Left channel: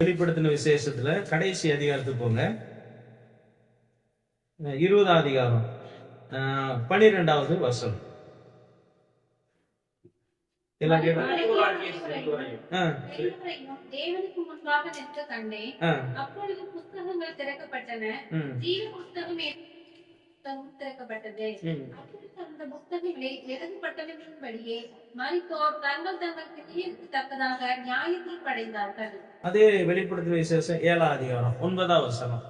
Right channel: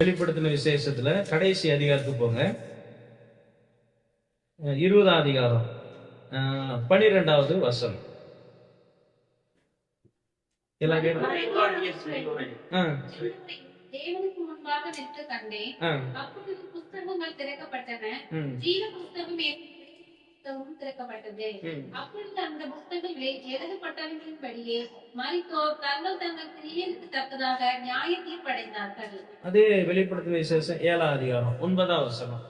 வெளிப்படுத்தின விசேஷத்துல கடைசி அதிகாரத்துக்கு போங்க. 20ஆம் அதிகாரம் 12வது வசனம். தேவனுக்கு முன்பாக நின்று கண்டேன். அப்பொழுது புஸ்தகங்கள் திறக்கப்பட்டன. ஜீவ புஸ்தகம் திறக்கப்பட்டது. அப்பொழுது அந்த புஸ்தகங்களில் எழுதப்பட்டவர்களின்படியே மரித்தோர் தங்கள் தங்கள் கிரியைக்கு தக்கதாக நியாய தீர்ப்படைந்தார்கள். அதே வெளிப்படுத்தின விசேஷம் 7ஆம் அதிகாரம் 9வது வசனம்.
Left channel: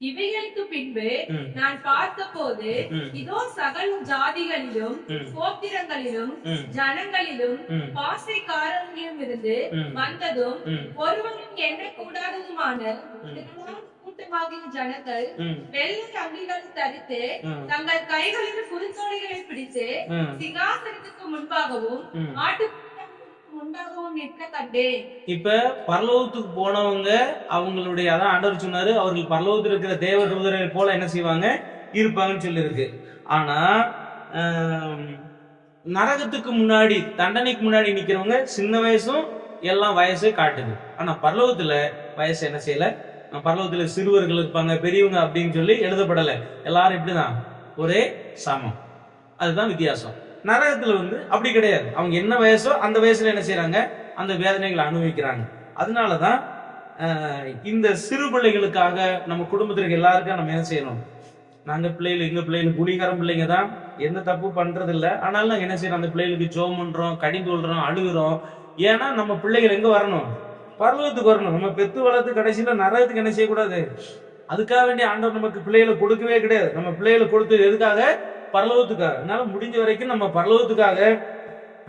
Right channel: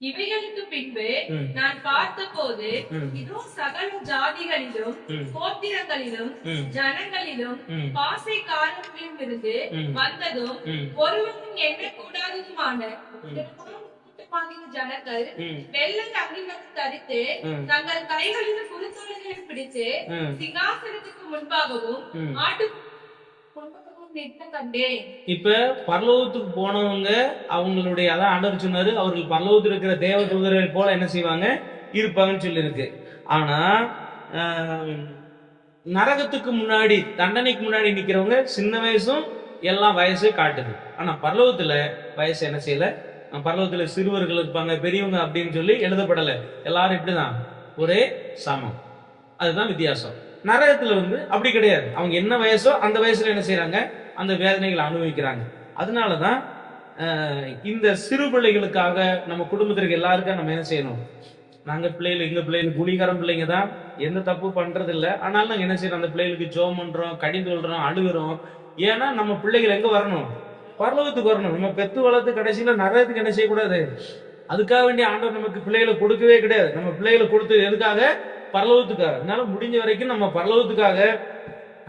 இவைகளுக்கு பின்பு நான் பார்த்தபோது இதோ சகல ஜாதிகளிலும் கோத்திரங்களிலும் ஜனங்களிலும் பாசைக்காரர்களிலும் இருந்து வந்ததும் ஒருவனும் எண்ணக்கூடாததுமான கூட்டமாகிய ஜனங்கள் வெள்ளை அங்கிகளை தரித்து தங்கள் கைகளில் குருத்தோலைகளை பிடித்து சிங்காசனத்துக்கு முன்பாகவும் ஆட்டு இப்ப பரலோகத்துக்கு போனவங்க அவங்களுடைய அதான் ஆண்டவர் சொன்னாரு, அவர்கள் பரலோகத்தில் இருக்கிற தேவ தூதரை போல என்ன செய்வாங்க இருப்பாங்கன்னு சொல்லி இருக்கு. ஆனா நரகத்துக்கு முன்னாடி தண்டனைக்கு முன்னாடி நிக்கிறவங்க சின்ன வயசும் எல்லாம் வயசு காட்டுது. ஆனா பரலோகத்துல வயசு என்ன செய்யல. பரலோகத்துல சிறுவர்கள் இருப்பாங்க, பெரியவங்க அப்படின்னு சொல்லி எழுதப்படலை. எல்லாரும் இப்படிதான் ஒரே சமம். அதுதான் வித்தியாசம். நரகத்துல அப்படி கிடையாது. அவங்க என்ன வயசோ அந்த வயசுல என்ன செய்யறாங்க, அந்த வேதனைகளை அனுபவிக்கிறாங்க. அதனாலதான் இந்த சிறு பிள்ளைகளுக்காக நம்ம குடும்பத்திற்கு எல்லாருக்கும் நம்ம என்ன செய்யணும், நாங்க பிள்ளைகள் எங்க பிள்ளைகள் குடிகாரம் பிள்ளைங்க தான், எந்த தப்பு பண்றது இல்லை. ஆனாலும் நாங்க என்ன செய்யறோம், அந்த பிள்ளைகளுக்கு ஜோம் பண்றோம், கடிந்து கொள்றோம், அழுகிறோம். ஏன்னா நம்ம பிள்ளைகள் எங்க வரணும், பரலோகத்துக்கு வரணும். நம்ம பெத்து வளர்த்து கடைசியில நரகத்துக்கு என்ன செய்யக்கூடாது. அதுக்காக வேண்டிய ஆண்டவர் நமக்கு பிள்ளைகளை கொடுக்கவே கிடையாது. நம்ம பிள்ளைகளை கொடுத்தது எதுக்காக, பரலோகத்துக்காக. அதனால முடிஞ்ச வரைக்கும் நம்ம பரலோகத்துக்காக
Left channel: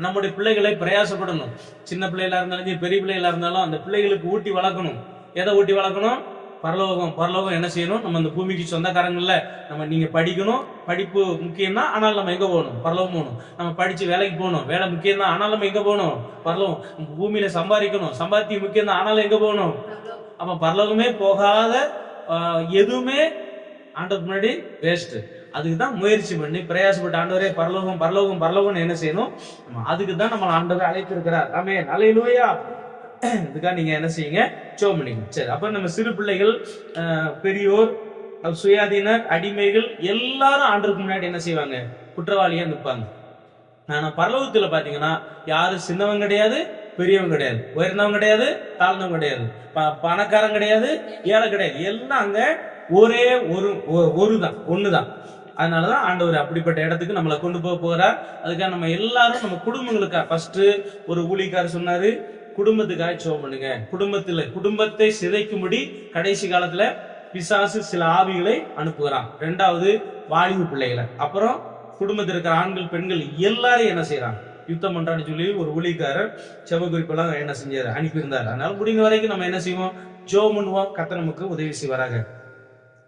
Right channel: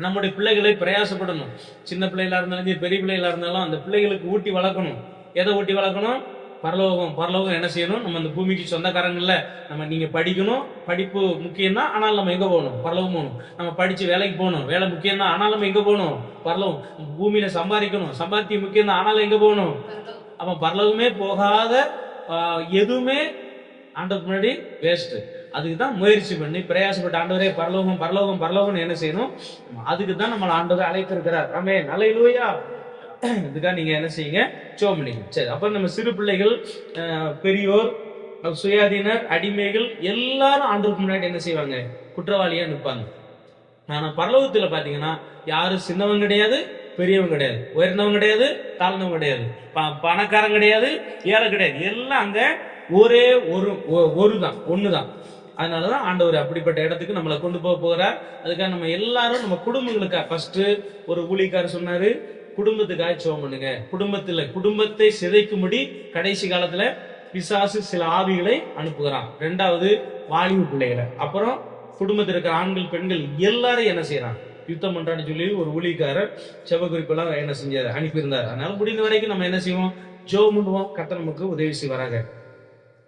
நம்முடைய பிள்ளைகளை பிரயாசப்படணும். சின்ன பிள்ளைகளா இருந்தாலும் பெரிய பிள்ளைகளா இருந்தாலும் அந்த பிள்ளைகளுக்கு ஊட்டி வளர்க்கணும். எதை ஊட்டி வளர்க்கணும், பரலோகம். பரலோகம் என்ன செய்யணும், நம்ம அந்த பூமிக்கு சொந்தக்காரங்கள்ல நம்ம நீங்க படிக்கணும், படிப்பு முக்கியம் தான். ஆனால் நம்ம எங்க போகணும், பரலோகம் போகணும். நம்ம படிச்சு வேலைக்கு போகணும், வேலை முக்கியம் தான். ஆனால் நம்ம எங்க போகணும், பரலோகம். பூமியில சம்பாதிக்கணும், சம்பாத்தியம் முக்கியம் தான். ஆனாலும் எங்க போகணும். அப்ப பரலோகமே போகாத எதுவுமே ஆண்டவருக்கு முன்னாடி வேஸ்ட். அதுக்கு தான் முயற்சி பண்ணி பிரயாசப்பட்ட ஆண்டவரே பரலோகம் பரலோகம் பரலோகம்னு என்ன செய்யணும், அதுக்கு தான் நம்மளை ஆண்டவர் அழைத்திருக்கிறார். ஆமென், அல்லேலூயா. இதுக்காக நீங்க என்ன செய்யுங்க, ஜெபம் பண்ணிக்கணும். சரி, அப்ப நம்ம சிறு பிள்ளைகள், பெரியோர், சுயாதீனர், அடிமைகள் எல்லாரும் ஆண்டவருக்கு முன்னாடி என்ன செய்வாங்க, குற்றவாளியா நிற்பாங்க. ஆனா பரலோகத்துல பாத்தீங்கன்னா யாரும் சின்னவங்க கிடையாது, பெரியவங்க கிடையாது, உயர்ந்தவங்க கிடையாது, தாழ்ந்தவங்க கிடையாது, பணக்காரங்க கிடையாது, ஏழை கிடையாது. எல்லாம் அங்க ஒரே ஒருதான், ஒண்ணுதான். அதனாலதான் ஆண்டவர் அப்படிப்பட்ட இடத்துக்கு நம்மளை கொண்டு போகிறார். அதுக்காக நம்ம எல்லாரும் நம்ம குடும்பங்களுக்காக ஃபர்ஸ்ட் ஒரு ஊழியக்காரர் சொன்னாரு, குடும்பத்துக்காக ஜெபம் பண்ணுங்க. குடும்பத்தை சிதைக்கும்படி கடைசி காலத்துல பிசாசு சில ஆவிகளை அனுப்புகிறான். 2வது வாலிப பிள்ளைகளை, அப்புறம் குடும்பத்தில் இருக்கிற ஆண்கள் பெண்கள் எல்லாரையும் என்ன செய்யறான், யுத்தம் பண்றான்னு சொல்லி ஒரு ஊழியக்காரர் செவ குறிப்பெல்லாம் என்ன செஞ்சாரு, அனுப்பியிருந்தார். அதனால முடிந்த வரைக்கும் நம்ம என்ன செய்வோம், ஜெபம் பண்ணுவோம். கர்த்தர் நமக்கு உதவி செய்வாராக.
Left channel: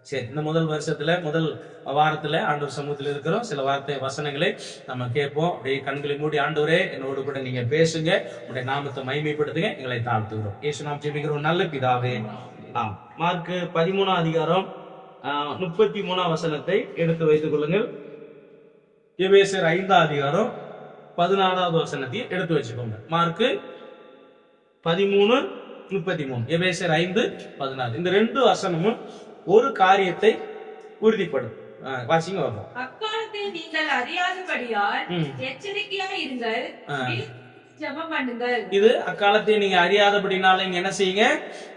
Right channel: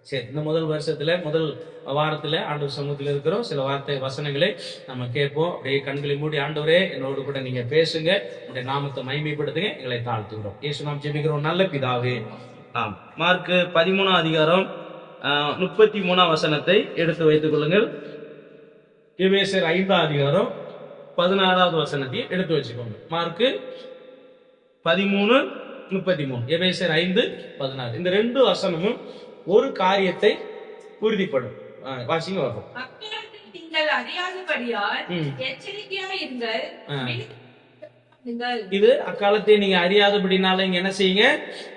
சரி, இந்த முதல் வருஷத்துல முதல் வாரத்துல ஆண்டவர் சமூகத்தில் இருக்கிறோம். சில வார்த்தை வசனங்களை நம்ம கேட்போம். அப்படியே கண்களை மூடி, ஆண்டவரே என்னோடு கூட நீங்க பேசுங்க, உங்களுடைய நாமத்தை மகிமைப்படுத்துங்க, எங்களை தாழ்த்துகிறோம். இயேசு நாம் ஜெபிக்கிறோம், நல்ல பிதாவே. ஆம், மார்க் 13ஆம் அதிகாரம் 33ஆம் வசனத்தை எடுத்து வைத்துக் கொள்ளுங்கள். எபேசியர் 5ஆம் அதிகாரம் 16வது வசனத்தை எடுத்து வச்சுக்கோங்க. மார்க் 13:33, எபேசியர் 5:16. இந்த 2 வசனமும் ஒரு காரியத்தை உறுதிப்படும். வாசிங்க பார்ப்போம். அக்காலத்தில் நீங்கள் அறியாதபடியால் எச்சரிக்கையாக இருங்கள், ஜெபம் பண்ணுங்கள். இது அக்காலத்தை நீங்க அறியாதபடினால இங்க என்ன செய்யுங்க,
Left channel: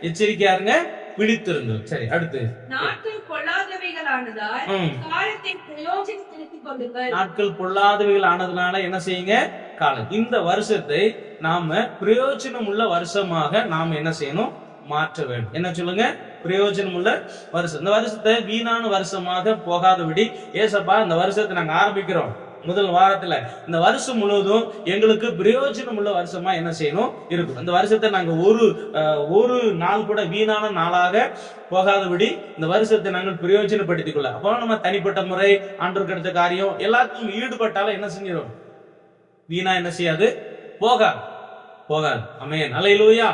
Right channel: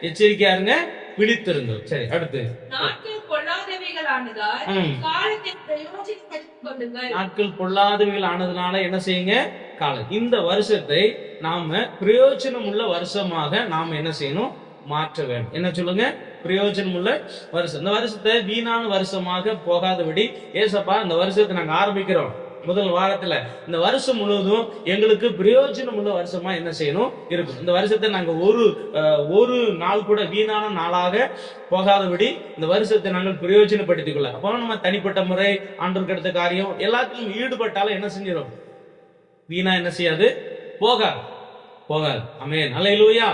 எச்சரிக்கையா இருங்க, விழித்திருங்கள். சரி, அடுத்து நாட்கள் பொல்லாதவைகள் ஆனதால் காலத்தை பிரயோஜனப்படுத்திக் கொள்ளுங்கள். நாட்கள் பொல்லாதவைகள் ஆனதுனால என்ன செய்யுங்க, காலம். இந்த வருஷத்தை நாம பிரயோஜனம் உள்ள வருஷமாக நாம என்ன செய்யணும், மாற்ற வேண்டும். என்ன சொல்லுங்க, பிரயோஜனம் உள்ள வருஷம். இந்த வருஷத்தை வீணான வருஷமாக போகாதபடி, ஏசப்பா இந்த வருஷத்தை நாங்க ஆரம்பிக்கிறோம் முதல் வாரத்துல, இந்த வருஷம் முழுவதும் எங்களுக்கு பிரயோஜனம் உள்ள வருஷமா என்ன செய்யணும் இருக்கும். இந்த வருஷத்தை நாங்க ஒரு நாள் கூட வீணான நாளாக போகாதபடி இந்த வருஷத்தை நாங்கள் பிரயோஜனப்படுத்திக் கொள்ள. அப்போ நம்ம தனிப்பட்ட முறை, ஆண்டவருக்கு அடுத்த காரியம் எல்லாத்தையும் ஈடுபட்டாலும் என்ன செஞ்சிடும், வீணா என்ன செய்யாது, போகாது. போகாது. ஆமென். அல்லேலூயா.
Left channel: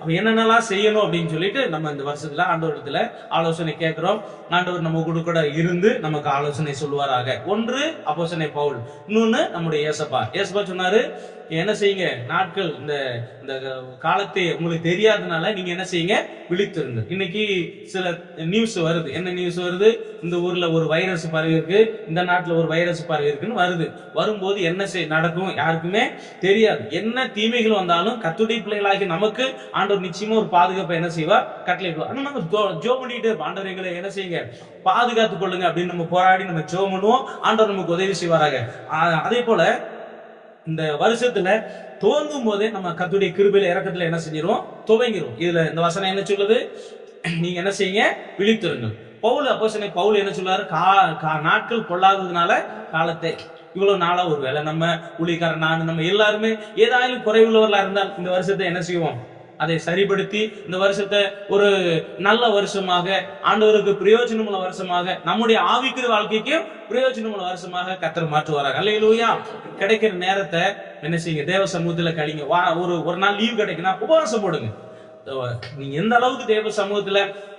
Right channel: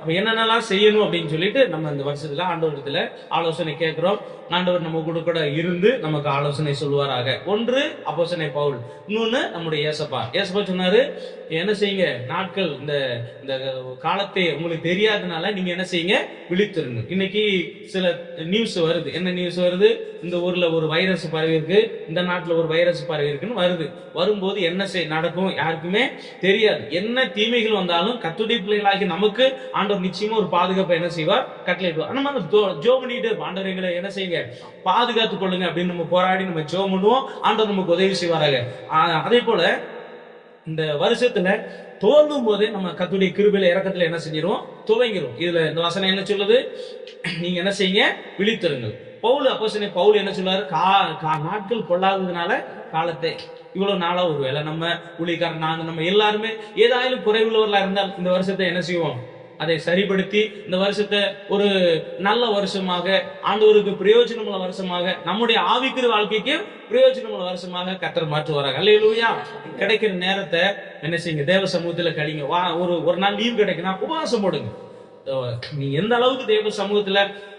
அப்ப என்னென்னலாம் செய்யணும் அப்படின்னு சொல்லிட்டு நம்ம இந்த வருஷத்துல ஆண்டவரிடத்துல ஆலோசனை கேட்கிறோம். ஆண்டவர் நம்ம கூட இருந்து நமக்கு ஆலோசனை சொல்லுவாராக. ஒன்று அப்போஸ்தலனாகிய பவுல், இன்னொன்னு நம்முடைய ஏசப்பா சொன்னாரு, என்ன செய்யுங்க, நாட்கள் இந்த இந்த காலத்தை உங்களுக்கு தெரியாதனால நீங்க என்ன செய்யுங்க, விழித்திருங்க. இன்னைக்கு சில நியூஸ் வருது. என்ன நியூஸ் வருது? இந்த ஊர்ல ஒரு வைரஸ் பரவி இருக்கு, இந்த நாட்டுல ஒரு வைரஸ் பரவி இருக்குன்னு வருது. வரும்போது என்ன நடக்கும் யாருக்குமே தெரியாது. என்ன தீமைகள் வந்தாலும் கர்த்தருடைய பிள்ளைகளாகி நமக்கு ஆண்டவர் நிச்சயமா ஒரு பாதுகாப்பை என்ன செய்வார், கட்டளையிடுவார். நம்ம ஜோ பண்ணிட்டு ஆண்டவர் எங்களை என்ன செய்யுங்க, பாதுகாத்துக் கொள்ளுங்க அப்படின்னு நம்ம போராடி நம்ம ஜோ பண்ணுவோம். ஆண்டவர் நமக்கு உதவி செய்வாராக. அதே போல இந்த வருஷத்துல துவங்கும் போதே நம்ம கர்த்தருடைய கிருபையில இரக்கத்துல என்ன செஞ்சிருவோம், துவங்கிரும். இதுல இந்த வசனம் என்ன சொல்லுது, நீங்க என்ன செய்யுங்க, விழித்திருங்கள். அப்போஸ்தலனாகிய பவுல் என்ன சொல்றாரு, நாட்கள் பொல்லாததுனால காலத்தை இவ்வளவு நாளா ஒருவேளை நம்ம ஊழியக்காரன் நம்ம எல்லாருமே ஏதாயிலும் குறைவுள்ளவர்களா இருந்தால் இந்த வருஷத்தை என்ன செய்வோம், அதை சரிப்படுத்தி இந்த வருஷத்தை ஒரு நல்ல வருஷமாக, ஆண்டவருக்கு பிரயோஜனமுள்ள வருஷமாக, நம்முடைய ஆவிக்குரிய வாழ்க்கைக்கு பிரயோஜனமுள்ள வருஷமாக கர்த்தர் மாற்றுவாராக. அல்லேலூயா. கிடைக்கிற நேரத்தை என்ன செய்யுங்க, தேவ சமூகத்துல கழிங்க. ஒரு நாள் லீவ் கிடைக்குன்னா உபவாசம் போடுங்க. நீங்க எந்த அளவுக்கு தேவ சமூகத்துல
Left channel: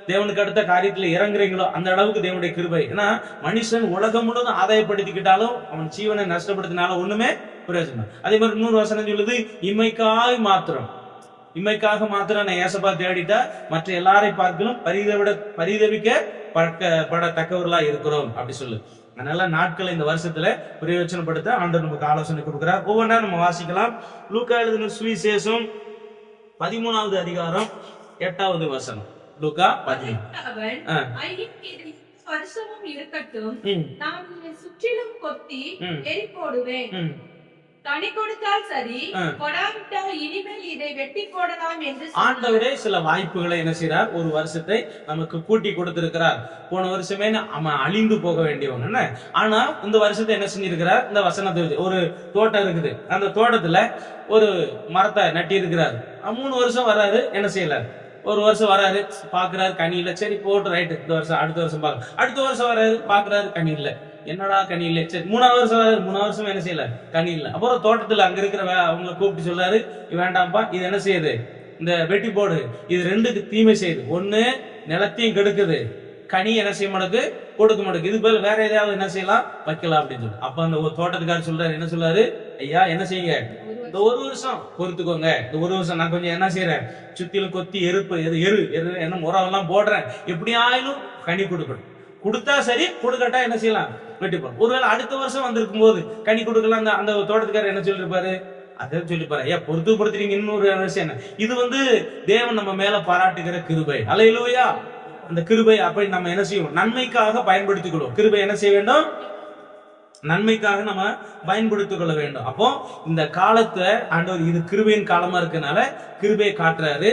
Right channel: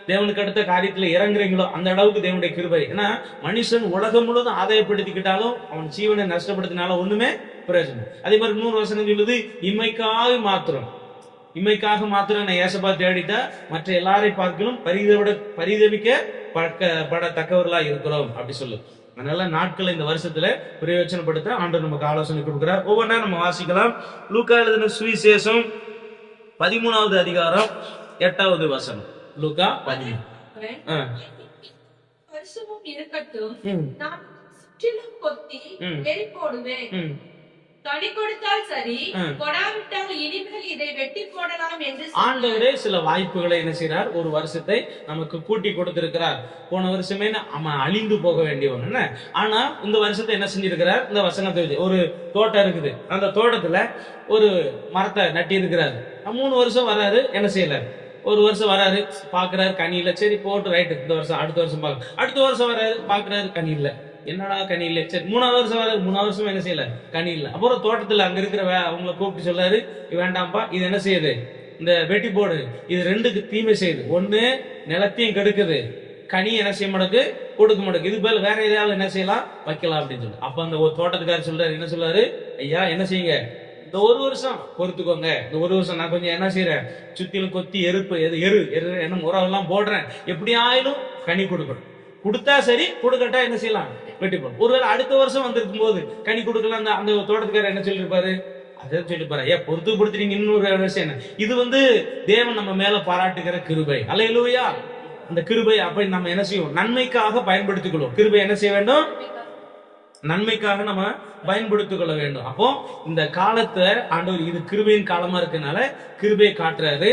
தேவனுக்கு அடுத்த காரியத்துல இறங்குறீங்களோ அந்த அளவுக்கு தேவனுடைய கிருபை. ஏன்னா மனுஷன் உலகம் முழுவதும் ஆதாயப்படுத்திக்கிட்டாலும் அவன் ஜீவனை நஷ்டப்படுத்தினாலும் ஒண்ணுமே பிரயோஜனம். அதே மாதிரி இன்னொரு வசனம் சொல்லுது, இம்மைக்காக மாத்திரம் நான் ஏசப்பா தேடிட்டா மற்ற எல்லாரை பார்க்கலும் பரிதபிக்கப்படத்தக்கவர்களா இருக்கிறோம் அப்படி சொல்லு. அதனால நாட்களை இந்த வருஷத்துல பிரயோஜனப்படுத்த ஆண்டவர் நமக்கு ஆலோசனை கொடுக்கிறார். ஒவ்வொன்றா நம்ம வாசிக்கலாம். லூக்கா எழுதின சுவிசேஷம் 13வது அதிகாரம் 8வது வசனம். லூக்கா 13. வருஷமும் இருக்கட்டும், நான் இதை சுற்றிலும் கொத்தி எரி போடுவேன். கனி கொடுத்தால் சரி, கொடாவிட்டால் இனிமேல் இதை வெட்டி போடலாம் என்று ஆண்டவரே சில வாய்ப்புகளை என்ன செய்றார், ஒரு வருஷத்தை நமக்கு கூட்டி கொடுத்திருக்கிறார். போன வருஷமே நம்ம அழிந்து போக வேண்டியவங்க, ஆனா இந்த வருஷத்தை என்ன செஞ்சிருக்கிறார், இந்த வசனத்தை ஒரு தோட்டம் இருக்குது, அந்த தோட்டத்துல ஒரு மரத்தை நட்டி இருக்கிறார். 3 வருஷம் வர்றாரு, என்ன செய்யல, ஒரு வருஷம் வராரு, பாக்குறாரு கனி இல்ல, சரி போட்டு ரைட்டு, இந்த வருஷம் அடுத்த வருஷம் பாக்க, அடுத்த வருஷம் வராரு, பாக்குறாரு கனி இல்ல, என்னடா கனி இல்ல, சரி 3வது வருஷம் வராரு, 3வது வருஷம் என்ன செய்யல, கனி இல்ல. அப்புறம் தோட்டத்துல அங்க இருக்கிற அவங்களை கூப்பிட்டு சொல்றாரு, வேண்டாம்ப்பா, இது என்ன செய்யுது, இந்த வெட்டி போடு, இது 2க்கு தீமை செய்யுது. ஒண்ணு நிலத்தையும் கெடுக்குது, கனி என்ன செய்ய மாட்டேங்குது, கொடுக்க மாட்டேங்குது. இது போல வேற ஏதாவது என்ன செய்யலாம், வைக்கலாம் அப்படின்னு சொல்லி. அப்ப அந்த தோட்டத்துக்காரர் சொல்றாரு, என்ன சொல்றாரு, ஐயா என்ன செய்யுங்க, இந்த 1 வருஷம் பொறுத்துக்கோங்க, இந்த 1 வருஷம் நான் கொஞ்சம் என்ன செய்யறேன், சுத்திலும் கொத்தி எரு என்ன உரம் எல்லாம் போடுறேன், எப்படி ஆயிலும் கனி கொடுக்கணும். கொடுத்தா சரி, கொடுக்கட்டா என்ன செய்யலாம், வெட்டி போடும். ஒருவேளை அடுத்த வருஷம் வந்திருக்கும் போது கனி கொடுக்கலாம், அந்த தோட்டத்துக்காரர் என்ன சொல்லிருப்பாரு, அதை சொல்லிப்பாரு, ஐயா பொறுத்துறீங்க. இன்னொரு விஷயம் என்ன, இது தேவன் நம்ம மேல பாராட்டுகிற கிருபை. அல்லேலூயா. அந்த கிருபை அப்படி நம்ம என்ன செய்வோம், நன்மைக்காக பயன்படுத்திக் கொள்வோம். கிருபை என்ன செய்ய வேண்டும், நன்மைக்காக நம்ம பயன்படுத்திக் கொள்ள வேண்டும். அப்போ இந்த காலத்தை ஆண்டவர் இது கிருபையின் காலமா இருக்கனால கிருபையை காட்டுறாரு.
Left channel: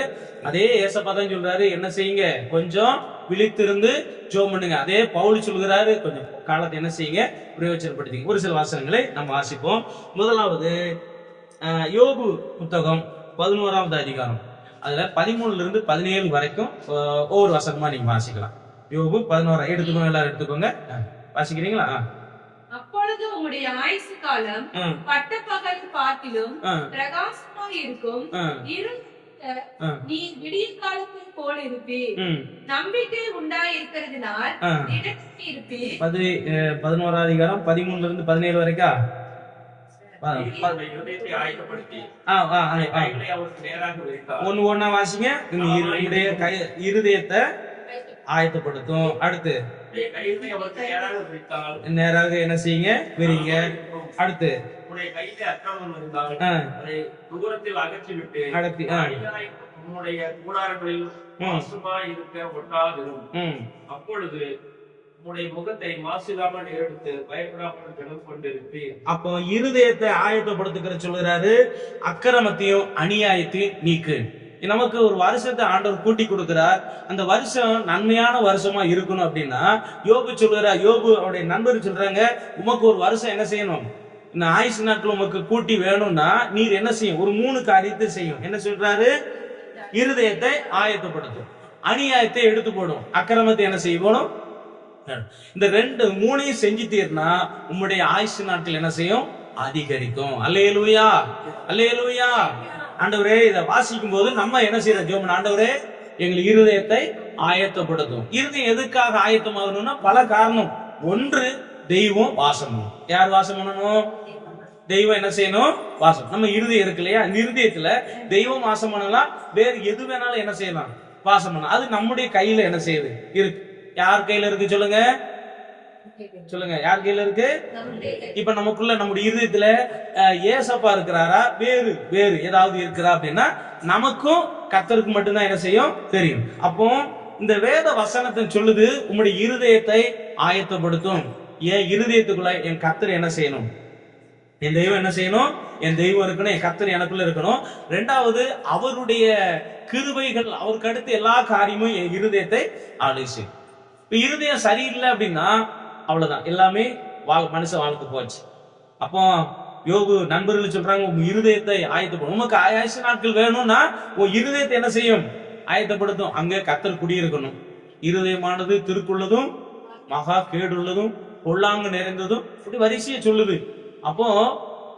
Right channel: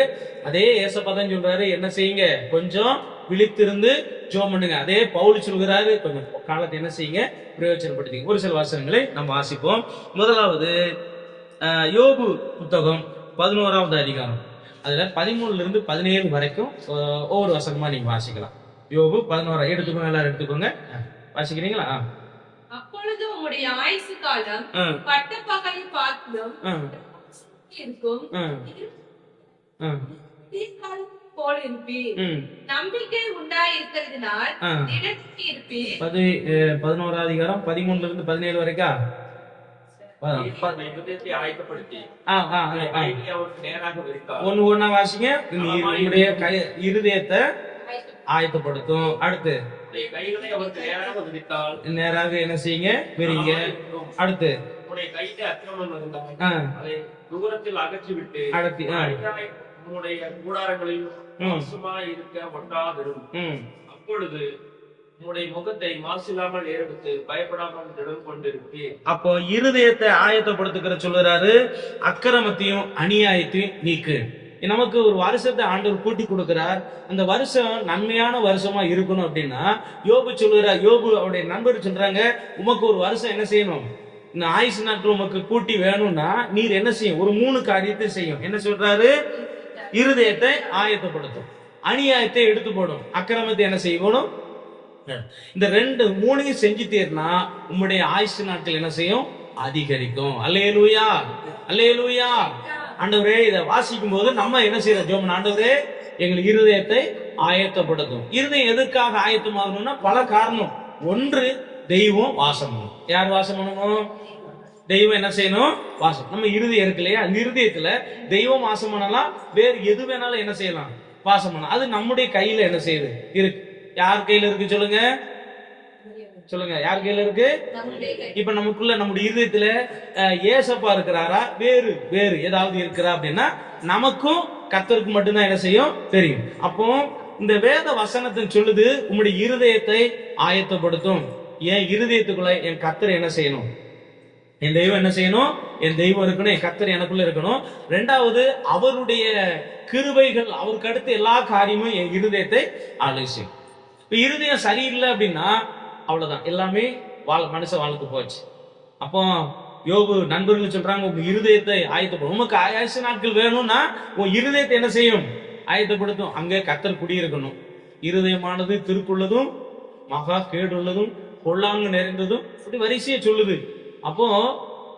அதே ஏசப்பா தான் சொல்றாரு, என்ன செய்யுங்க, கொஞ்சம் விழித்திருந்து ஜெபம் பண்ணுங்க. அதே பவுல் சொல்கிறாரு, கொஞ்சம் காலத்தை என்ன செய்யுங்க, பிரயோஜனப்படுத்திங்க. ஒரு சில வாசகங்களை நம்ம வாசிப்போம். முதலாவது யோபு புத்தகம் 11வது அதிகாரம், அதுல 13ல இருந்து 17 வரைக்கும் ஒவ்வொரு வசனமா நீங்க வாசிக்கலாம். யோபு 11 எடுத்துக்கோங்க, எல்லாரும் எடுத்துக்கோங்க, வாசிக்கிறீங்களா? அப்பொழுது உம்முடைய ஆயுசு காலம் பட்ட பகலை பார்க்கிலும் பிரகாசமாக இருக்கும். நீ விடிய காலத்தை போல் இருப்பீர். நம்பிக்கை உண்டாயிருக்கிறதுனால் திடமாக இருப்பீர். 11வது அதிகாரம் 13ல இருந்து 17 வரைக்கும் ஒன்னு ஒன்னா வாசிங்க. உங்களுடைய இருதயத்தை ஆயத்தப்படுத்தும். அடுத்து நேராக என்ன செய்யுங்க, விரிங்க. அடுத்து தூரத்தில் அகற்றிவிட்டு கூடாரங்களில் இருக்க ஒட்டாதிரும். அப்பொழுது உம்முடைய முகத்தை மாசில்லாமல் ஏறெடுத்து பயப்படாமல் திடம் கொண்டிருப்பீர். அப்போ இருதயத்தை ஆயத்தப்படுத்துகிற சொல்லுறாரு, அக்கிரமத்தையும் அநியாயத்தையும் நீக்கு. நமக்கு ஒரு வருஷத்தை ஆண்டவர் கூட்டி கொடுக்கிறார். அந்த வருஷம் நன்மையான வருஷமா இருக்கணும் அப்படின்னா யோபு சொல்லுறார், யோபு அவருடைய நண்பர் சொல்றாங்க, உமக்கு ஒரு வருஷம் என்ன செய்யணும், இந்த ஆயுசு நாட்கள் உமக்கு கூட்டி வேணும்னா நீர் என்ன செய்யும், ஒரு 3 காரியத்தை செய்யும். என்ன சொல்றாரு, இருதயத்தை ஆயத்தப்படுத்தும், அநியாயத்தை எடுத்து போடும், அக்கிரமத்தை என்ன செய்யணும். இந்த 3 செஞ்சு தீர்னா உம்முடைய ஆயுசு நாட்கள் என்ன செய்யும், அதிகரிக்கும். அல்லேலூயா, அல்லேலூயா. ஆண்டவரே இதை வாசிக்கும் போது நம்ம என்ன செய்யறோம்? ஜெபம், ஆண்டவரே எங்கள் இருதயத்தை ஆயத்தப்படுத்தும். இருதயம் எதுக்காக ஆயத்தமாகணும்னா பல காரணம். ஒன்று, தெய்வம் வாசம் பண்ணணும். யார் வாசம் பண்ணணும்? தெய்வம் என்ன செய்யணும்? வாசம். நம்ம இருதயம் இருக்கு இல்லையா, இந்த இருதயத்துல தெய்வம் வாசம் பண்ணலாம். வேறு எது வேணாலும் என்ன செய்யலாம்? வாசம் பண்ணலாம். அது நம்முடைய கையில என்ன செய்யுது? இருக்கு. யார் கையில இருக்கு சொல்லுங்க? சொல்லுங்க, யார் கையில இருக்கு? இப்ப நமக்குள்ள நம்முடைய இருதயத்துல ஏசப்பா இருக்கிறாரா, வேறு வேறு ஏதாவது இருக்கிறா அப்படின்னா நமக்கும் கர்த்தருக்கு மட்டும்தான் என்ன செய்யும்? தெரியும். அப்போ இந்த வேத வசனத்தை சொல்லுது, உம்முடைய இருதயத்தை ஆயத்தப்படுத்தும். என் இருதயத்துக்குள்ள என் கர்த்தர் என்ன செய்யணும்? என் தெய்வம் என்ன செய்யணும்? என் தெய்வம் இருக்கணும், என் கர்த்தர் எனக்குள்ள இருக்கணும். ரெண்டாவது, அவருடைய கிருபைகள், அவருக்கு அடுத்து எல்லா காரியமும் என் இருதயத்தை ஆலோசி. இப்ப இருதயம் சரியில்லை அப்படின்னா அவ்வளவுதான், எல்லாமே மனுஷ வாழ்க்கை போச்சு. அப்போ யோபு நண்பர்கள் சொல்றாங்க, உங்க இருதயத்தை ஆயத்தப்படும். உமக்கு ஆயுசு நாட்கள் வேணும்னா உன் இருதயத்தை என்ன செய்யும்? ஆயத்தப்படுத்தும். அங்க கர்த்தர் குடியிருக்கணும். இருதயமானது திருக்குள்ளதும் மகா கேடுள்ளதும் பொல்லாங்கு நிறைந்ததும் இப்படி வரிசையை சொல்லுது. அப்போ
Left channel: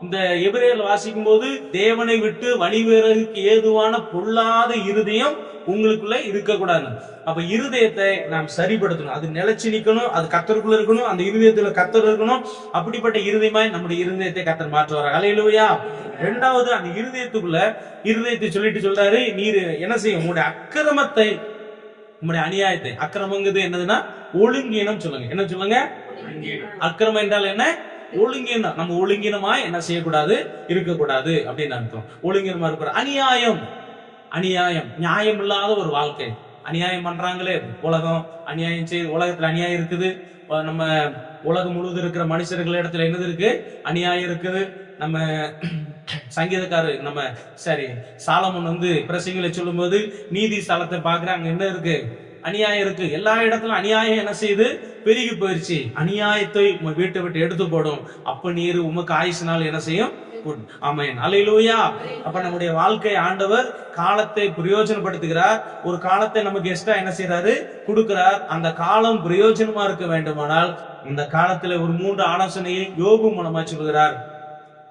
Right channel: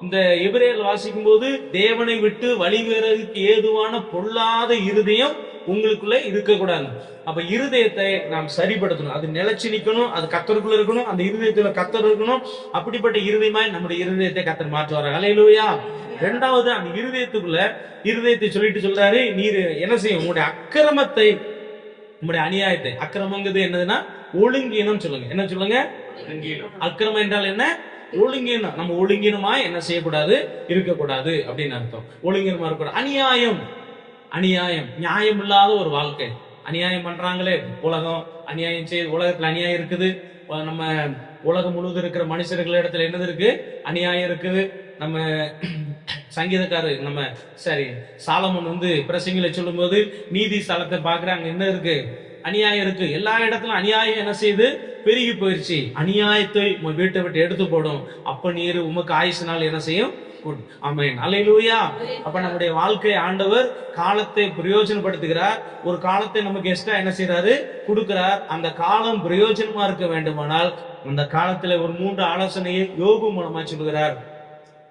இந்த எபிரேயர் வாசிக்கும் போது, தேவனை விட்டு வழிவேறதுக்கு ஏதுவான பொல்லாத இருதயம் உங்களுக்குள்ள இருக்கக்கூடாது. அப்ப இருதயத்தை நாம் சரிப்படுத்தணும். அது நிலைச்சு நிக்கணும், அது கர்த்தருக்குள்ள இருக்கணும், அந்த இருதயத்துல கர்த்தர் இருக்கணும். அப்படிப்பட்ட இருதயமாய் நம்முடைய இருதயத்தை கர்த்தர் மாற்றுவார். ஹல்லேலூயா. ரெண்டாவது, அந்த இருதயத்தை சொல்லிட்டு சொல்றாரு, நீர் என்ன செய்யும்? உங்களுடைய அக்கிரமத்தை, உங்களுடைய அநியாயத்தை. அக்கிரமங்கிறது என்னதுன்னா ஒழுங்கீனம். சொல்லுங்க, என்ன சொல்லுங்க? அக்கிரமம் என்றால் என்ன? ஒழுங்கீனம். நம்ம ஒழுங்கீனமா என்ன செய்யக்கூடாது? இருக்கக்கூடாது அப்படின்னு அர்த்தம். ஒழுங்கீனமா இருக்கக்கூடாது. அநியாயம், நியாயம் இல்லாத ஒரு வாழ்க்கை. அநியாயம் பண்றாங்களே உலகம், அநியாயம் செய்து உலகத்துல அநியாயம் இருக்குது. நம்ம உலகம் முழுவதும் இருக்கிற மனுஷர்கள் இடத்துல என்னது இருக்கு? அநியாயம் இருக்குது. நம்ம சங்கீதக்காரர் சாலமோன் பிரசங்கில சொல்லும் போது, நீதி ஸ்தலத்தை பாக்குறாங்க, என்ன இருக்கு? அநியாயம் இருக்கு. எல்லா இடத்துலும் அநியாயம் என்ன செய்யுது? பெருகி போயிருச்சு. அநியாயத்தை வீட்டை விட்டு எடுத்து போடும். அப்ப நீர் உமக்கு ஆயுசினால் என்ன செய்யும்? ஆமென். அல்லேலூயா. அப்ப நம்முடைய வாழ்க்கை ஆண்டவர் காலத்தை பிரயோஜனப்படுத்துகிறார். ஒரு காலத்தை நமக்கு எக்ஸ்ட்ரா என்ன செய்யறாரு? கொடுக்கிறார். அந்த காலம் பிரயோஜனமா இருக்க வேண்டுமானால் அந்த காலத்துல ஒரு 3 ஆலோசனையை யோபு மூலமா சொல்கிறார்.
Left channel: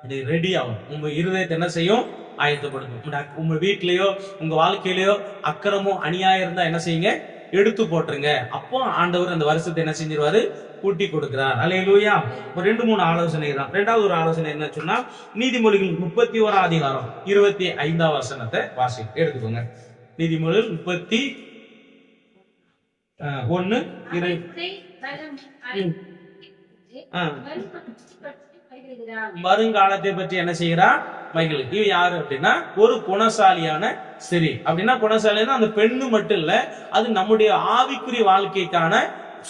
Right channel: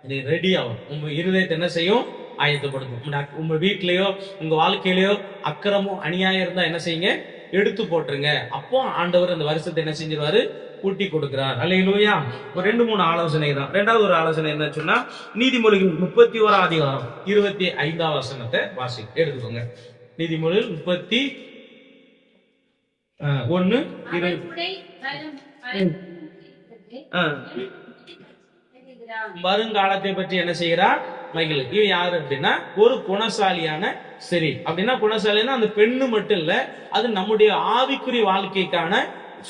இது ரெடி ஆகும். உங்க இருதயத்தை என்ன செய்யும்? ஆயத்தப்படுத்தும். உங்க வீட்லயோ உங்க வாழ்க்கையிலயோ அக்கிரமும் அநியாயம் இருந்தா என்ன செய்யுங்க? எடுத்து போட்டுருங்க. அப்போ ஆண்டவர் அந்த வருஷத்தை என்ன செஞ்சிருவாரு? கூட்டி கொடுக்கிறார். அல்லேலூயா. ஒரு 2-3 ஆலோசனை தான். ரெண்டாவது ஒரு ஆலோசனை என்ன சொன்னா, நீதிமொழிகள் 31 அதிகாரம் 25 வசனத்தை வாசி எடுத்துக்கோங்க. நீதிமொழிகள் 31:20. வருங்காலத்தை பற்றி என்ன செய்கிறார்? மைகள். இது யாரு அப்படின்னா ஒரு குணசாலியான சரி. அப்படின்னா குணசாலினா அந்த பெண்ணு மட்டும் இல்ல, அது நம்முடைய ஆவிக்குரிய வாழ்க்கைக்கான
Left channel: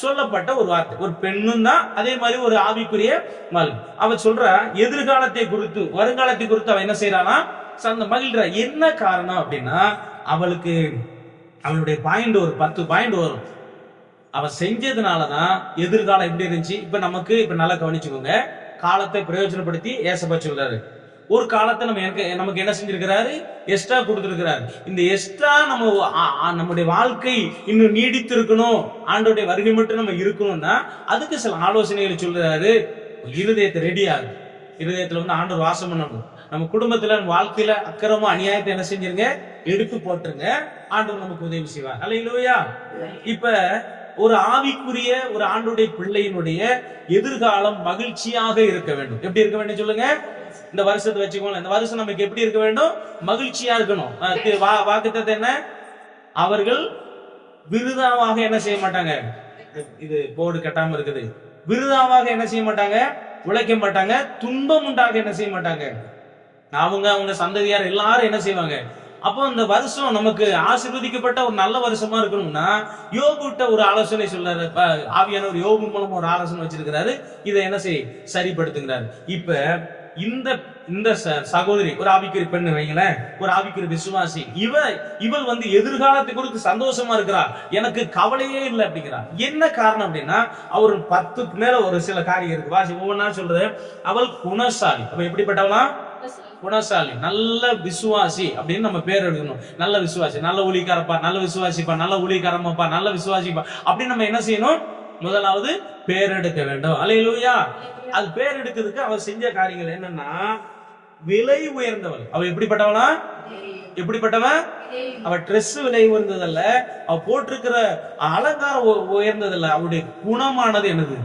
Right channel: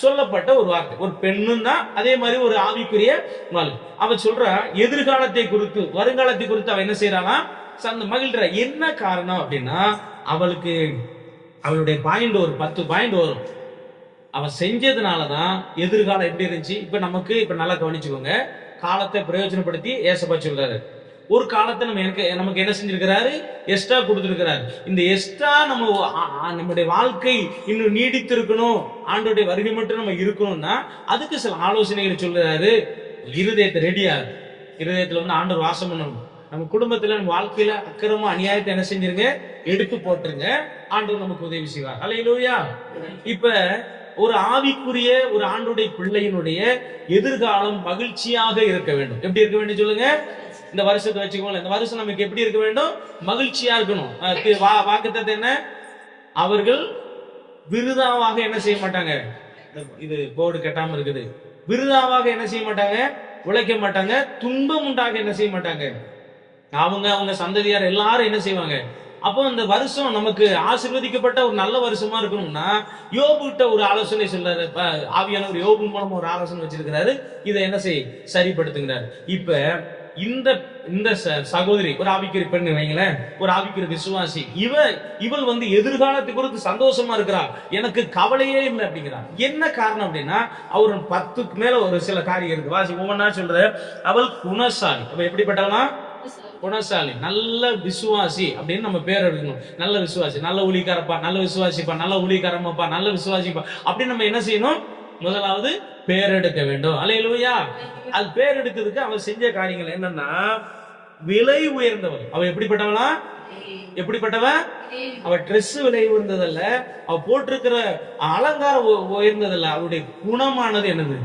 சொல்லப்பட்ட ஒரு வார்த்தை. ஒரு பெண்ணும் தான், அதே மாதிரி ஒரு ஆவிக்குரிய வாழ்க்கை. அவ சொல்ற எதிர்காலத்தை குறித்து, வருங்காலத்தை குறித்து அவ என்ன செய்யறானா? அந்த மகிழ்ற. என்ன காரணம் அப்படின்னா, அவளுடைய பாயிண்ட் ஒரு 10 பாயிண்ட் வரும். அவ செஞ்சதுனாலதான் எதிர்காலம் எப்படி இருந்துச்சு. இப்ப நல்லா கவனிச்சுக்கோங்க. காலத்தை பிரயோஜனப்படுத்தி ஏசப்பா சொல்றாரு. ஒரு காலத்தை நமக்கு என்ன செஞ்சிருக்கிறாரு? எக்ஸ்ட்ரா கொடுத்திருக்கிறாரு. இந்த எக்ஸ்ட்ரா நம்முடைய வாழ்க்கை இன்னும் நீடித்து இருக்கணும், ஆண்டோடைய வருகை மட்டும் நம்ம இருக்கணும்னா அதுக்கு சில ஆலோசனைகளை சொல்றாரு. இருதயத்தை ரெடியாகு. இருதயத்துல ஆண்டவர் வாசம் பண்ணணும். நம்ம குடும்பத்துல வாழ்க்கையில அக்கிரமம் அநியாயத்தை என்ன செஞ்சிருங்க? எடுத்து போட்டுருங்க. ஆண்டவர் நமக்கு உதவி செய்வார். அல்லேலூயா. இப்ப ஒரு ஆவிக்குரிய ஒரு ஆண்டுடைய பிள்ளையினுடைய எதிர்காலம் மகிழ்ச்சியாக இருக்க வேண்டும். எப்படி இருக்க வேண்டும் சொல்லுங்க? இந்த வருஷத்தை வச்சுக்கோங்க. இந்த வருஷம் நமக்கு எப்படி இருக்க வேண்டும்? மகிழ்ச்சியா இருக்கணும். வாக்குத்தத்தம் என்ன? அவர்கள் விருதாவாக என்ன செய்ய மாட்டாங்க? இது போர்டு கட்டாம இருக்குது. விருதாவாக என்ன செய்ய மாட்டாங்க? உழைக்க மாட்டாங்க. துன்பம் உண்டாக என்ன செய்ய மாட்டாங்க? அவங்க சந்ததியார் எல்லாரும் என்ன செய்வாங்க? அப்போ இந்த வருஷம் நமக்கு ஆசீர்வதிக்கப்பட்ட ஒரு நல்ல வருஷமா இருக்கணும்னா யோபுட்ட ஒரு ஆலோசனை சொல்றாரு. ஆவியானவர் யோபு மூலமா ஒரு ஆலோசனை வச்சிருக்கிறாரு. இதை என்ன சரிப்படுத்துகிறாரு. இப்ப இந்த சகோதரி ஒரு ஆவிக்குரிய பெண்ணு வைங்களேன், ஒரு ஆவிக்குரிய விசுவாசி. இவள் எதிர்காலத்தை குறித்து சந்தோஷமா இருக்கிறா. எனக்கு கவலையே இல்லை அப்படிங்கிறா. என்ன காரணம் அப்படின்னா, அவர் 10க்கு மேல ஒரு சில காரியம் இருக்கு. வாசி ஒவ்வொன்னா சொல்ற. அவள் குணசாலி. அப்ப எப்படிப்பட்டவனா? குணசாலி, நல்ல விசுவாசி அப்படின்னு நம்ம பேர் எடுக்கணும். நல்ல விசுவாசி, நல்ல ஊழியக்காரப்பா, நல்ல விசுவாசிப்பா, நல்ல ஊழியக்காரமாப்பா, நல்ல விசுவாசிப்பா அப்படின்னு நம்ம என்ன செய்யணும்? முதலாவது பேர் எடுக்க வேண்டும். அல்லேலூயா. அது பேர் எடுக்கிறதுக்கு அவ செஞ்ச காரியங்கள் என்னன்னா, விலை உயர்ந்தவள். அவ எப்படிப்பட்டவளா? எப்படிப்பட்டவன்? அவ ட்ரெஸ் விலை உயர்ந்ததல்ல, அவ போட்டிருக்கிற அலங்காரம் உயர்ந்ததல்ல, அவருடைய குணமானது என்னது?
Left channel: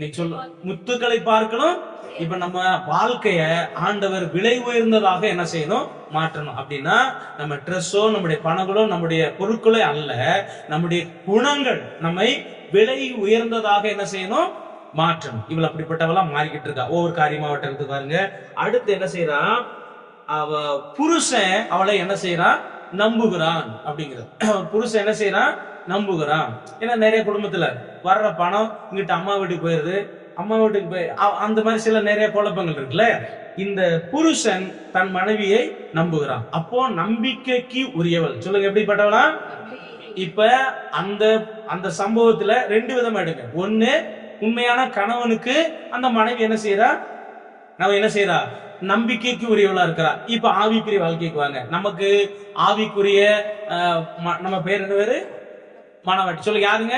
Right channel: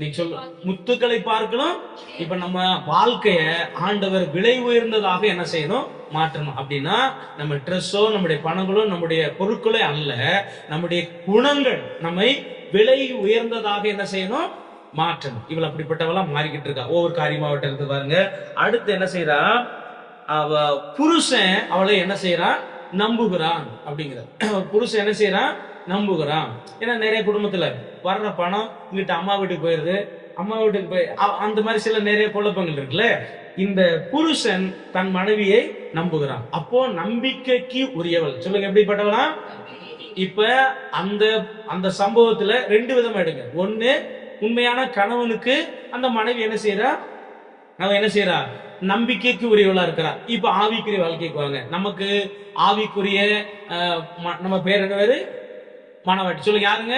நீ சொல்ல, முத்துக்களை பார்க்கணும். இப்ப நம்ம வாழ்க்கைய ஆண்டவர் விலை உயர்ந்ததாக என்ன செய்யணும்? மாற்றணும். அப்படின்னா நம்ம ட்ரெஸ்ஸோ நம்முடைய பணங்களோ நம்முடைய பொருட்களோ அல்ல, நம்முடைய குணங்கள் நம்மை விலை உயர்ந்ததாக என்ன செய்யணும்? மாற்றணும். இவள் அப்படிப்பட்டவெல்லாம் மாறிக்கிட்டு இருக்கா. ஒவ்வொரு காரியமாவட்ட இருந்து பாருங்க. அடுத்து என்ன செய்யறா? அவ புருஷன் அவளை என்ன செய்யறான்? நம்புகிறான் அப்படிங்கிற. புருஷன் என்ன செய்யறான்? நம்புகிறான். ஏன்னா நிறைய குடும்பத்துல வர்ற பணம் இங்கிட்ட அம்மா வீட்டுக்கு போயிருது, அம்மா வீட்டுக்கு போய் அந்த மாதிரி சில நிறைய குழப்பங்கள் இருக்குல்ல. இந்த புருஷன் தன் மனைவியை நம்புகிறான். அப்போ நம்பிக்கைக்கு உரியவள். சொல்லுங்க, எப்படிப்பட்டவளா? இப்ப அந்த அந்த சம்பவத்துல ரெண்டு விதமா எடுங்க. ஒண்ணு, உண்மையான கணவனுக்கு அந்த மனைவி என்ன செய்யறா? அவன் என்ன செய்யறா? நம்பிக்கைக்கு உரியவளா இருக்கிறா. இப்ப ஆவிக்குரிய வாழ்க்கைக்கு வாங்க. நமக்கு ஆவிக்குரிய நம்ம பேர் என்ன பேரு? மணவாட்டி. சொல்லுங்க, யாருங்க?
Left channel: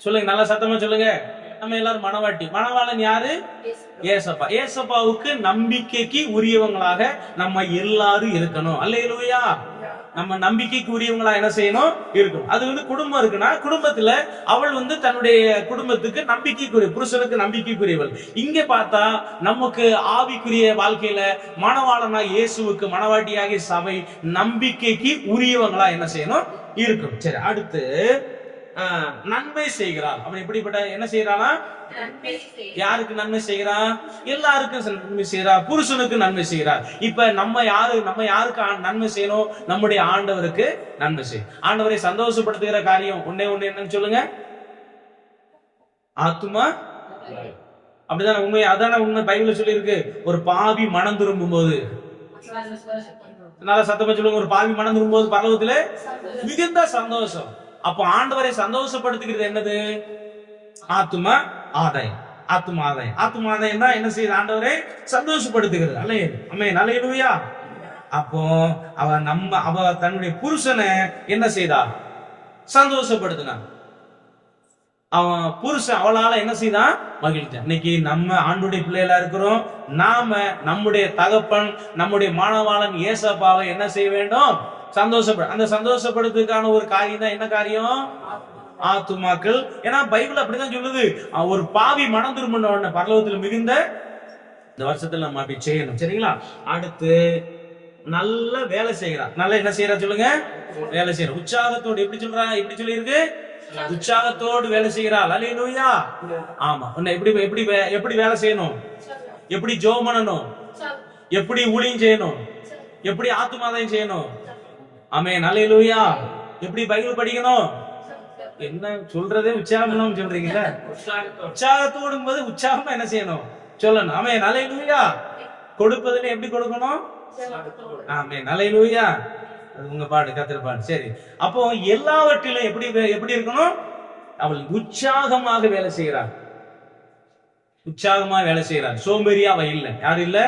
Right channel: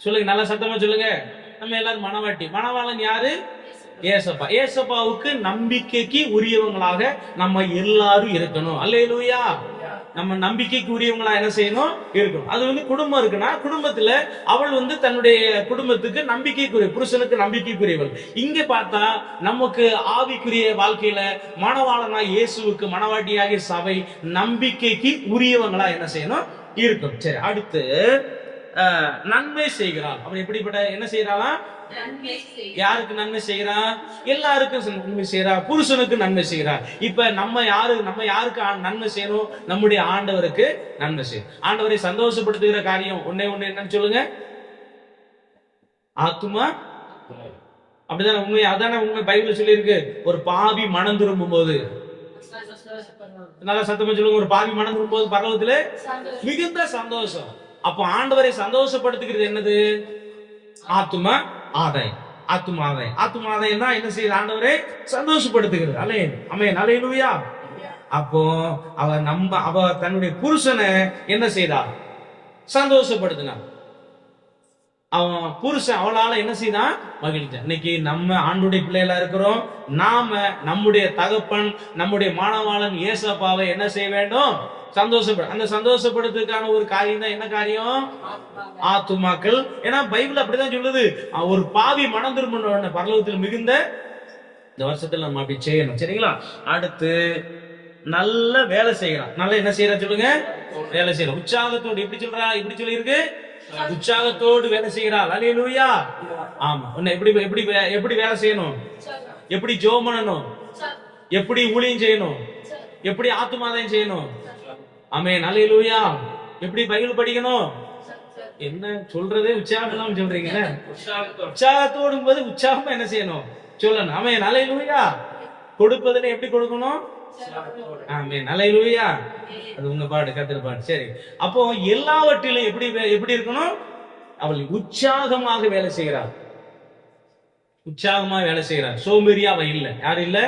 சொல்லுங்க, நல்லா சத்தமா சொல்லுங்க. நம்ம எல்லாரும் மணவாட்டி. மணவாளன் யாரு? ஏசப்பா. ஏசப்பாவுக்கு நம்பிக்கைக்கு உரியவங்களாக நம்ம எல்லாரும் இருக்கணும். அல்லேலூயா. நம்ம நம்பிக்கைக்கு உரியவங்களா என்ன செய்யணும்? இருக்கணும். அது குடும்பம் இருக்குன்னா குடும்பத்துல அவள் தன்னுடைய குடும்பத்துக்கு நம்பிக்கைக்குரிய, புருஷனுக்கு நம்பிக்கைக்குரியவள். இங்க பார்த்தா நமக்கு ஆவிக்குரிய வாழ்க்கையில மணவாளனா இயேசுவுக்கு மணவாட்டியாகிய சபை நம்பிக்கைக்கு உரியவங்களா என்ன செய்யணும்? இருக்கும். சரி, அடுத்து நன்மை செய்கிறாள். அவன் எப்படிப்பட்ட என்ன செய்யறாளா? யாருக்கு நன்மை செய்கிறா? எல்லாருக்கும் நன்மை செய்கிறா. புருஷனுக்கு நன்மை செய்கிறா. இப்ப நம்ம யாருக்கு நன்மை செய்யணும்? நம்முடைய ஆண்டவருக்கு நன்மை செய்யும். ஆண்டவரை சந்தோஷப்படுத்துகிற காரியம் ஒன்னே ஒண்ணு என்னன்னு சொல்லுங்க? ஆத்துமா. அப்படிதானே உண்மை? அதான உண்மை. பைபிள்ல சொல்லி இருக்கு, ஒரு பாவி மனம் திரும்பும் போது, நல்லா சத்தமா சொல்லுங்க, ஒரு பாவி மனம் திரும்பும் போது பரலோகத்திலே மிகுந்த சந்தோஷம். அப்போ ஆண்டவரை சந்தோஷப்படுத்துகிறது என்னது? ஆத்துமா ஆதாயம். ஆத்துமா ஆதாயம். ஆத்துமா ஆதாயம் தான் என்ன செய்யுது? ஆண்டவரை சந்தோஷப்படுத்துகிறது. ஆமென். அல்லேலூயா. அப்போ அவ தன்னுடைய புருஷனை என்ன செய்தா? சந்தோஷப்படுத்தினா. அவன் புருஷன் அவளால என்ன செய்தான்? மகிழ்ச்சான். இன்னைக்கு நம்ம ஆண்டுடைய பிள்ளைகளா இருக்கிறோம். நாம நம்முடைய தகப்பன், நம்முடைய மாணவாளன் ஏசப்பாவை என்ன செய்ய வேண்டும்? அந்த சந்தோஷப்படுத்துக்கான ஒரு காரியம் தான் என்ன காரியம்? ஆத்துமாக்கள். ஏன்னா பைபிள் அப்படிதான் சொல்லுது, ஒரு பாவி மனம் திரும்பின பரலோகத்தில் மிகுந்த இந்த வருஷத்துல நம்ம அப்படி செய்யணும். சரிங்களா? அடுத்து நல்ல வேலை செய்யறா. நல்லா என்ன செய்யறா? சொல்லுங்க, வேலை செய்யறா. உற்சாகத்தோடு. எப்படி சொல்றா? எப்படி சொல்லி இருக்கு? உற்சாகத்தோடு வேலை செய்கிறாள். அல்லேலூயா. ஆமா. எப்படி வேலை செய்யணும்? எப்படி ஜெபம் பண்ணணும்? எப்படி ஊழியம் செய்யணும்? எப்படி ஆத்துமாதாயம் செய்யணும்? ஆமென். அல்லேலூயா. எப்படி பைபிள் படிக்கணும்? என்ன சொல்றதே உற்சாகம் இல்லாம சொல்றீங்கல்ல? உற்சாகத்தோடும் போது உற்சாகமா என்ன செய்யணும்? சொல்லணும். ஆமென். அல்லேலூயா. கொடுப்பதில் எப்படி கொடுக்கணும்? ஆமென். அல்லேலூயா. அது உங்க பாடு, கர்த்தர் பாடு. சரி, அப்போ எல்லாவற்றிலும் எப்படி இருக்கணும்? அவள் உற்சாகமாக வேலை செய்கிறார். உற்சாகமா வேலை செய்கிறார். சோம்பேறியா அவ இல்ல. யாரு இல்ல?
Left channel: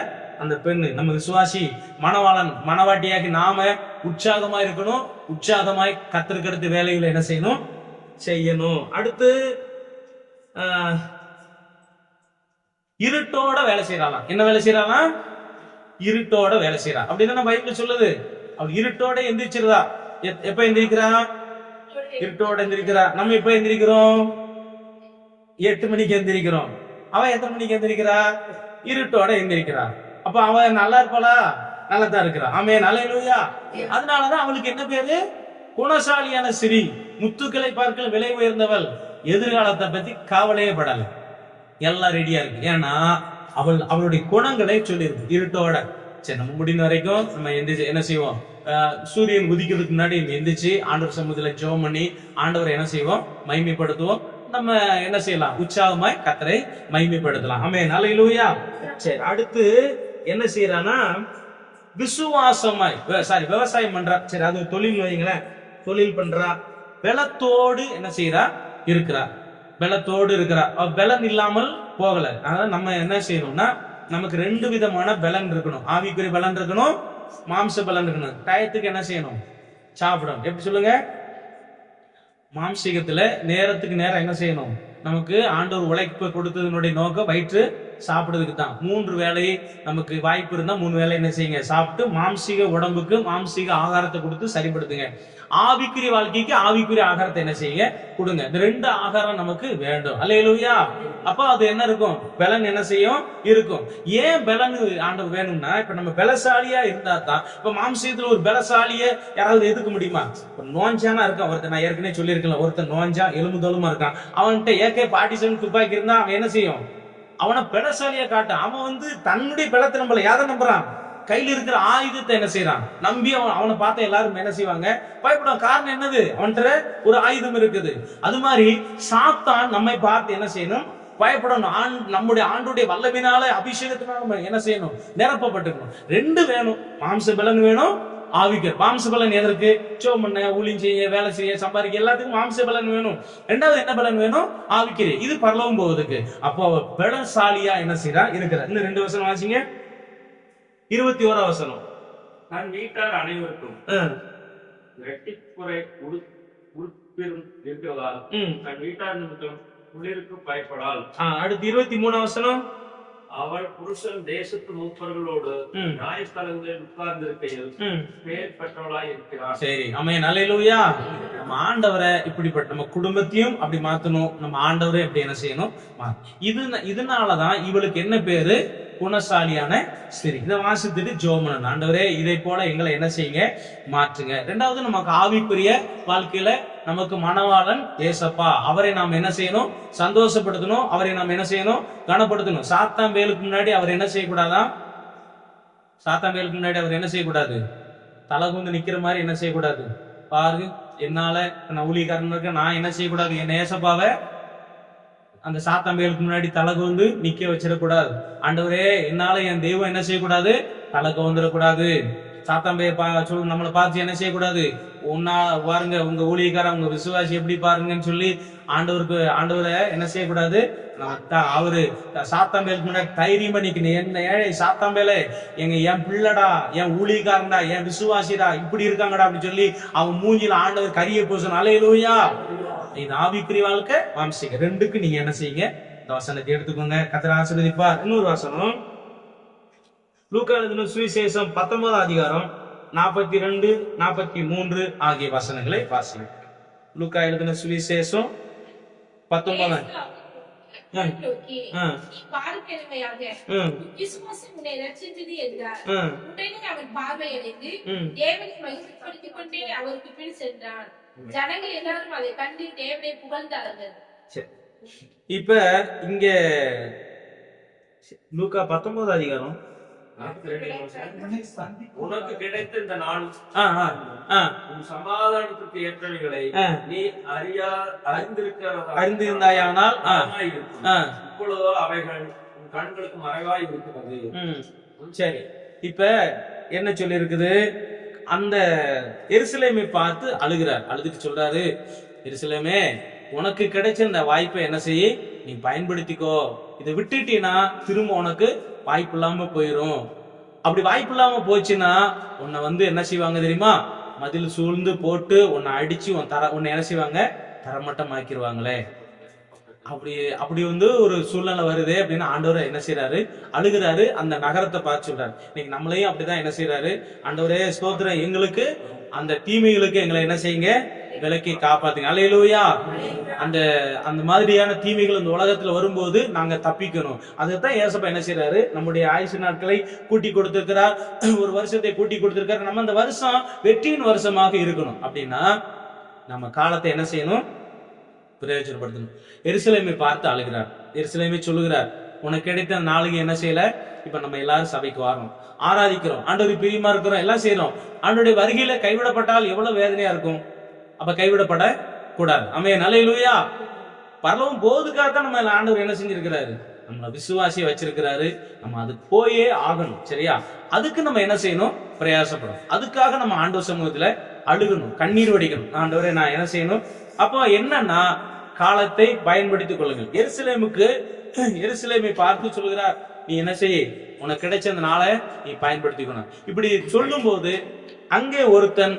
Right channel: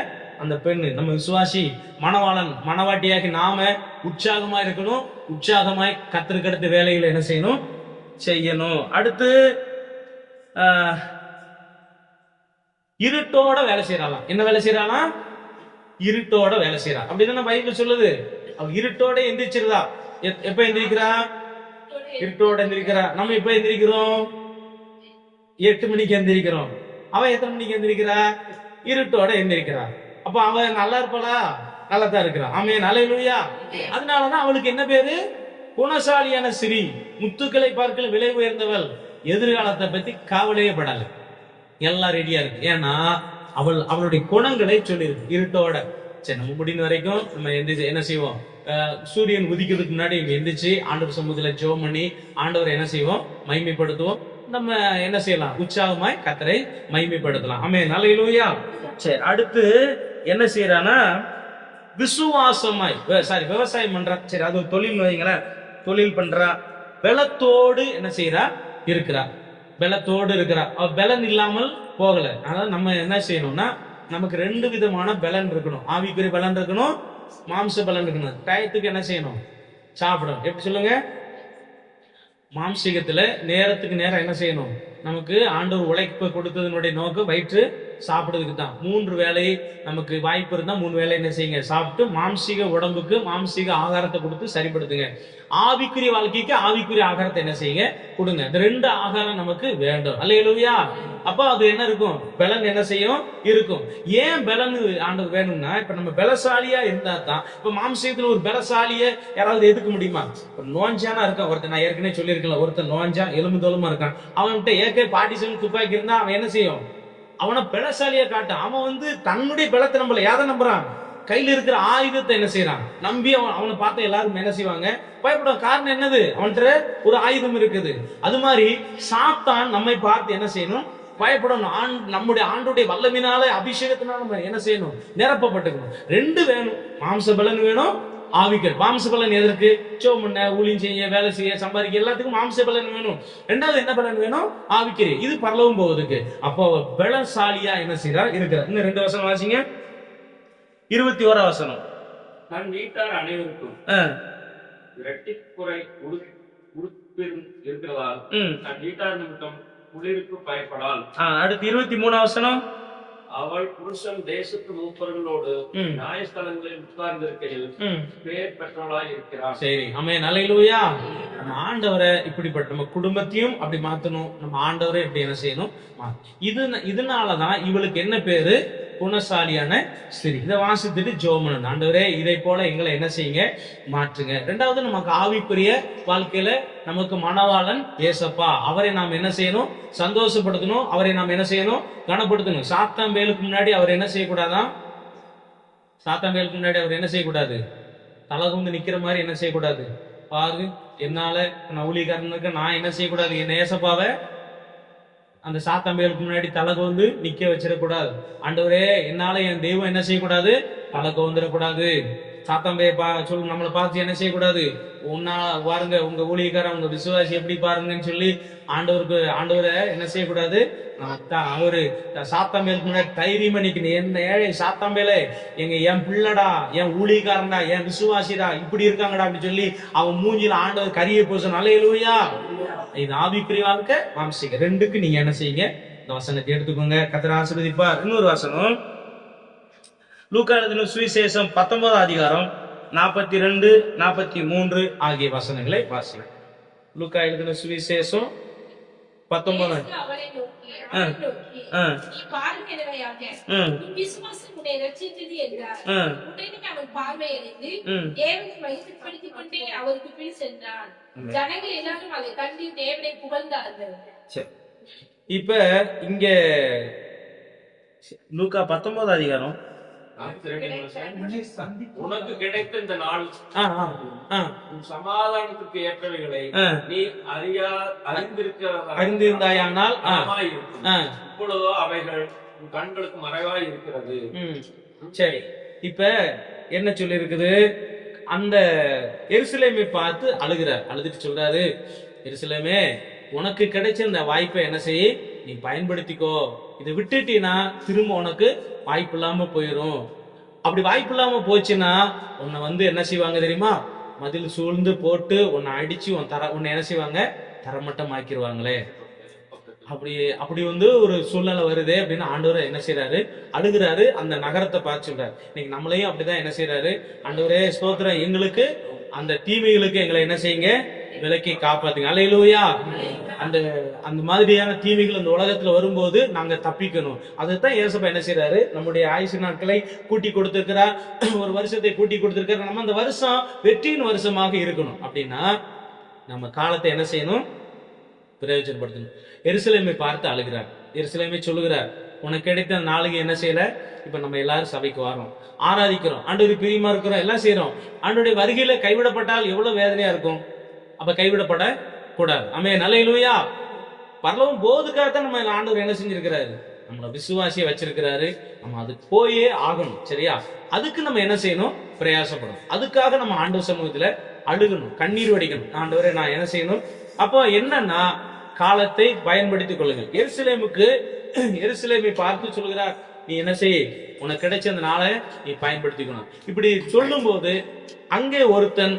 அந்த பெண்ணு. நம்ம விசுவாசி மணவாளன் மணவாட்டியாகி நாம உற்சாகமா இருக்கணும். உற்சாகமாய் கர்த்தருக்கு வேலையில என்ன செய்யணும். அடுத்து இருட்டோட வேலை செய்யறாளாம். என்ன வேலை செய்யறாளாம்? இருட்டோட வேலை செய்யறா. அப்படிதான் பைபிள் சொல்லுது. அவள் இருட்டோட எந்திரிச்சிருதா. எப்ப எந்திரிக்கிறா? இருட்டோட எந்திரிக்கிறா. நம்ம எப்ப எந்திரிக்கிறோம்? 8 மணிக்கு எந்திரிக்கிறோம். அவன் எத்தனை மணிக்கு எந்திரிக்கிறா? இருட்டோட எந்திரிக்கிறா. அப்ப அவன் நல்லா இருப்பாளா? நல்லா தான் இருக்கிறா. ஆமென். அல்லேலூயா. அதனாலதான் அவளுக்கு என்ன பேரு? குணசாலியான ஸ்திரீ, முத்துக்களை பார்க்கல விலை உயர்ந்தவள். எதிர்காலத்தை பத்தி கவலையே படல. எல்லாம் ரெடியா இருக்கு. ஏன்னா அவளுடைய குணங்களை சொல்லியிருக்கு. இருட்டோட. சரி, நம்ம முடிந்த வரைக்கும் நம்ம எந்திரிச்சு என்ன செய்வோம்? சூரியன் உதிக்கிறதுக்கு முன்னாடி எந்திரிச்சு ஆண்டவர் சமூகத்துல ஜெபம் பண்ணி ஆண்டவரை என்ன செய்வோம்? மகிமைப்படுத்துவோம். நம்ம என்ன செய்யலாம்? உற்சாகமாய் கர்த்தரை மகிமைப்படுத்தலாம். ஆமென். அல்லேலூயா. சரி, அடுத்து என்ன செய்யறானா? விசுவாசமாய் விவசாயம் பண்றா. சரி, அது ஒரு தொழில் வைங்களேன். தொழில் பண்றா. பலத்தோடு என்ன செய்யறா? இருக்கிறா. பலத்தோடு இருக்கிறா. அவ பலன் இல்லாமல் போகல. அதான் நம்ம என்ன செய்யணும்னா, நமக்கு 2 விதமான பலன் இருக்கணும். ஆவிக்குரிய பலன் இருக்கணும், மாம்ச பலன் இருக்கணும். டயத்துக்கு என்ன செய்யணும்? சாப்பிடணும். எப்படி சொல்லுங்க? மாம்சீகத்துல நேரத்துக்கு நேரம் என்ன செய்யணும்? நமக்கு ஆண்டவர் உழைப்பு கொடுத்ததனுடைய நோக்கம் வயிற்று சாப்பிடுறதுக்கு தான். 3 வேளை நமக்கு வாய்ப்பு இருந்தா 3 வேளை என்ன செய்யுங்க, சாப்பிட்டு மாம்சீக உடம்புக்கு மாம்சீக ஆகாரத்தை கொடுத்து சரிப்படுத்துங்க. ஆவிக்குரிய வாழ்க்கைக்கு ஆவிக்குரிய ஆகாரத்தை என்ன செய்யுங்க, கொடுங்க. இந்த 2 ஆகாரம் நமக்கு வேண்டும். அல்லேலூயா. அப்ப அது என்ன இருக்கும், பலன் என்ன செய்யும், இருக்கும். ஏன் பலன் ஆண்டவர் வேணும்னா, இப்ப நம்ம பலசாலியா இருந்தா தான். இப்ப மாம்சீகத்துல ஒரு பலசாலிய யாராவது எதுக்க முடியுமா? இப்ப நோஞ்சானா இருக்கான் ஒருத்தன், நான் ஏற்கனவே சொல்லியிருக்கேன், ஒருத்தன் நோஞ்சா எலும்பு தோலுமா இருக்கான், அவன்கிட்ட AK-47 துப்பாக்கி இருந்தா அவன் என்ன செய்யும், அவனை பலசாலியா காட்டும். அவன் தன்னுடைய பலத்தை நம்பல, யாரை நம்புறான், கையில இருக்கிற ஆயுதத்தை என்ன செய்யறான் நம்பி அவனை பார்த்த எல்லாரும் என்ன செய்வாங்க, பயப்படும். காரணம் என்னது, அவன்கிட்ட ஒரு ஆயுதம் இருக்குது. அது மாதிரி சாத்தான் நம்மை பார்த்து என்ன செய்யணும், பயப்படணும். நம்முடைய ஆண்டுடைய வல்லமினால அபிஷேகத்தினால நம்ம என்ன செய்யணும், நிரப்பப்பட்டுக்கணும். 2 வேணும், மாம்ச பலன் வேணும், ஆவிக்கர். மாம்ச பலன் எதற்கு, சோம் பண்ண, ஊழியம் செய்ய, வேலை செய்ய, சம்பாதிக்க, எல்லாத்துக்கும் மாம்ச பலன் வேணும். 2வது என்ன பலன் வேணும், ஆவிக்கர். இது பரலோகம் போவதுக்கு. அப்போ பலசாலியா என்ன செய்யறா இருக்கிறார். இந்த 2 வசனம் வாசிங்க. 21 வசனம். தன் வீட்டார் அனைவருக்கும் இரட்டிப்புரை உடுப்பிரும் இருக்கிறதால் தன் வீட்டார் நிமித்தம் குளிருக்கு பயப்படால். அடுத்து 23 வசனம். அவள் புருஷன் தேசத்து மூப்பர்களோடு நியாயஸ்தலங்களில் உட்கார்ந்திருக்கையில் பேர் பெற்றவளாய் இருக்கிறார். சரி, ஆமென், அல்லேலூயா. நம்ம ஆண்டவரை இப்படிப்பட்ட நம்ம குடும்பத்தையும் அப்படி மாத்தணும், நம்ம ஆண்டவரை எப்படி என்ன செய்யணும். இதனாலதான் இவளுக்கு என்ன பேரு, குணசாலியான ஸ்திரீ. இதை வாசித்துட்டு ஜோமனன், ஆண்டவரே இதை போல எங்களை என்ன செய்யுங்க, மாற்றுங்க. 2வது நமக்கு ஆவிக்குரிய வாழ்க்கையில நமக்கு மணவாளன் ஏசப்பா, அவரை நாம் என்ன செய்யணும், சந்தோஷப்படுத்தணும். அவரை நாம் என்ன செய்யணும், கனப்படுத்தணும். சாத்தாம்பேலுக்கு முன்னாடி அவர் என்ன செய்யக்கூடாதா, சாத்தாம்பேலுக்கு முன்னாடி அவர் என்ன செய்யக்கூடாது, தலகுந்து நிக்கிற மாதிரி என்ன செய்யக்கூடாது. பாரு, என்னால நான் ஊழியக்காரன் இருக்க, நான் என்ன செய்யக்கூடாது, என் ஏசப்பாவை அந்த சாத்தாம்பேலுக்கு முன்னாடி தலகோந்து நிக்க வச்சிடக்கூடாது. ஆண்டவரே என்னால என் தெய்வம் என்ன செய்யக்கூடாது, தலகோந்துடக்கூடாது. சாத்தாம்பே நம்மளை பார்த்து என்ன செய்யக்கூடாது, பாருங்க உங்க ஊழியக்காரன் உங்க விசுவாசி எப்படி பாருங்கன்னு சொல்லி ஆண்டவரை என்ன செய்யக்கூடாது. அவரு சாத்தாம்பேலுக்கு முன்னாடி தைரியமா நிக்கணும். என்ன ஏழை சாத்தாம்பேலே, என் பிள்ளடா, என் ஊழியக்காரன்டா, என் விசுவாசிடா, இப்படி இருக்காங்கடா அப்படின்னு சொல்லி அவன் மூஞ்சில ஆண்டவர் கரிய பூசணும். அல்லேலூயா. இது ஆவிக்குரிய வாழ்க்கை, மாம்சீக. 2க்கு நீங்க என்ன செய்யுங்க, இந்த வசனத்தை எடுத்துக்கோங்க. கர்த்தர் ஆசீர்வதிப்பார். இன்னொரு வசனம், லூக்கா எழுதின சுவிசேஷம் 19 அதிகாரம் 42, 43 ஆகிய வசனங்களை வாசிங்க. லூக்கா எழுதின சுவிசேஷம் 19. இப்ப இங்க லூக்கா 19 அதிகாரம் உனக்கு கிடைத்த இந்த நாள் உன் சமாதானத்துக்கு ஏற்றவைகளை நீ அறிந்திருந்தாயானால் இப்பொழுதோ அவைகள் உன் கண்களுக்கு மறைவாய் இருக்கிறது. சரி, இப்ப என்ன சொல்லி இருக்குது, அந்த எருசலேமை பார்த்து அழுகிறார். அழுதுட்டு சொல்றாரு, எருசலேமே உனக்கு கிடைச்ச இந்த வாய்ப்பை என்ன செய்ய, நீ பயன்படுத்திக்கோ. இதை விட்டுட்டீன்னா திரும்ப உனக்கு வாய்ப்பு இல்லாம போயிடும். அப்படி வாய்ப்பு இல்லாம போச்சுன்னா உன்னை என்ன செய்வாங்க தெரியுமா, மதில் சூழ்ந்து போட்டு உன்னை அடிச்சு உன்னை என்ன செய்வாங்க, தரமட்டம் ஆக்கிடுவாங்களே. அப்படி ஒரு சூழ்நிலை வருது அப்படின்னு ஆண்டவர் என்ன செய்யறாரு, அழுகிறாரு. அந்த நகரத்தை பார்த்து சொல்றாரு. இன்னைக்கு நம்மளையும் அப்படிதான் என்ன செய்யறாரு, ஆண்டவரே ஸ்தோத்திரம், எங்களுக்கு அந்த தீமைகளுக்கு எங்களை என்ன செய்யுங்க, விலக்கி காப்பாத்துங்க. அல்லேலூயா. அந்த மாதிரியான தீமைகள் இந்த உலகத்துல வரும்போது நாங்க தப்பிக்கணும். அதுதான் ஏசப்பா என்ன செய்யறாரு, நம்முடைய ஆயுசு நாட்களை கூட்டி கொடுத்திருக்கிறார், ஒரு வருஷத்தை கூட்டி கொடுத்திருக்காரு. நம்ம அந்த வருஷம் வெற்றியின் வருஷமாக இருக்கணும் அப்படின்னா நம்ம காலத்தை என்ன செய்யணும், பிரயோஜனப்படுத்தணும். எருசலேமை பார்த்து அழுகிறார். எருசலேமை சொல்லுகிறார், உனக்கு கிடைத்த நாளுக்கு என்ன செய்யல. இப்ப நம்ம எல்லாரும் சபைக்கு வரோம், ஆராதிக்கிறோம், ஆண்டவர் பிரியமா இருக்கிறோம், எல்லாம் செய்யறோம். ஆண்டோடைய வருகையில கைவிடப்பட்டால் எவ்வளவு வேதனையா இருக்கும். அப்ப கைவிடப்பட கூடாது. ஆமென், அல்லேலூயா. பரலோகம் போவதுக்காகத்தான் நம்ம ஆண்டவர் என்ன செஞ்சிருக்கிறாரு, நம்மள விசுவாசிய வச்சிருக்கிறாரு. நம்ம அதுக்கு போயே ஆகணும். சரியா? அதுக்கு நம்ம என்ன செய்யணும், பிரயாசப்படும். அதுக்காக நம்ம ஆண்டவர் சமூகத்துல அழுகணும், கண்ணீர் வடிக்கணும். ஆண்டவரே நான் என்ன செய்யணும். அப்போ என்னன்னா, காலத்தை பயன்படுத்திக் கொள்ளுங்கள். எருசலேமை பார்த்து சொல்கிறார், நீ என்ன செய்ய, உனக்கு கிடைச்ச அந்த நாளை நீ பயன்படுத்திக்கணும். இப்படி சொல்லும் போது அங்கே ஒருத்தன்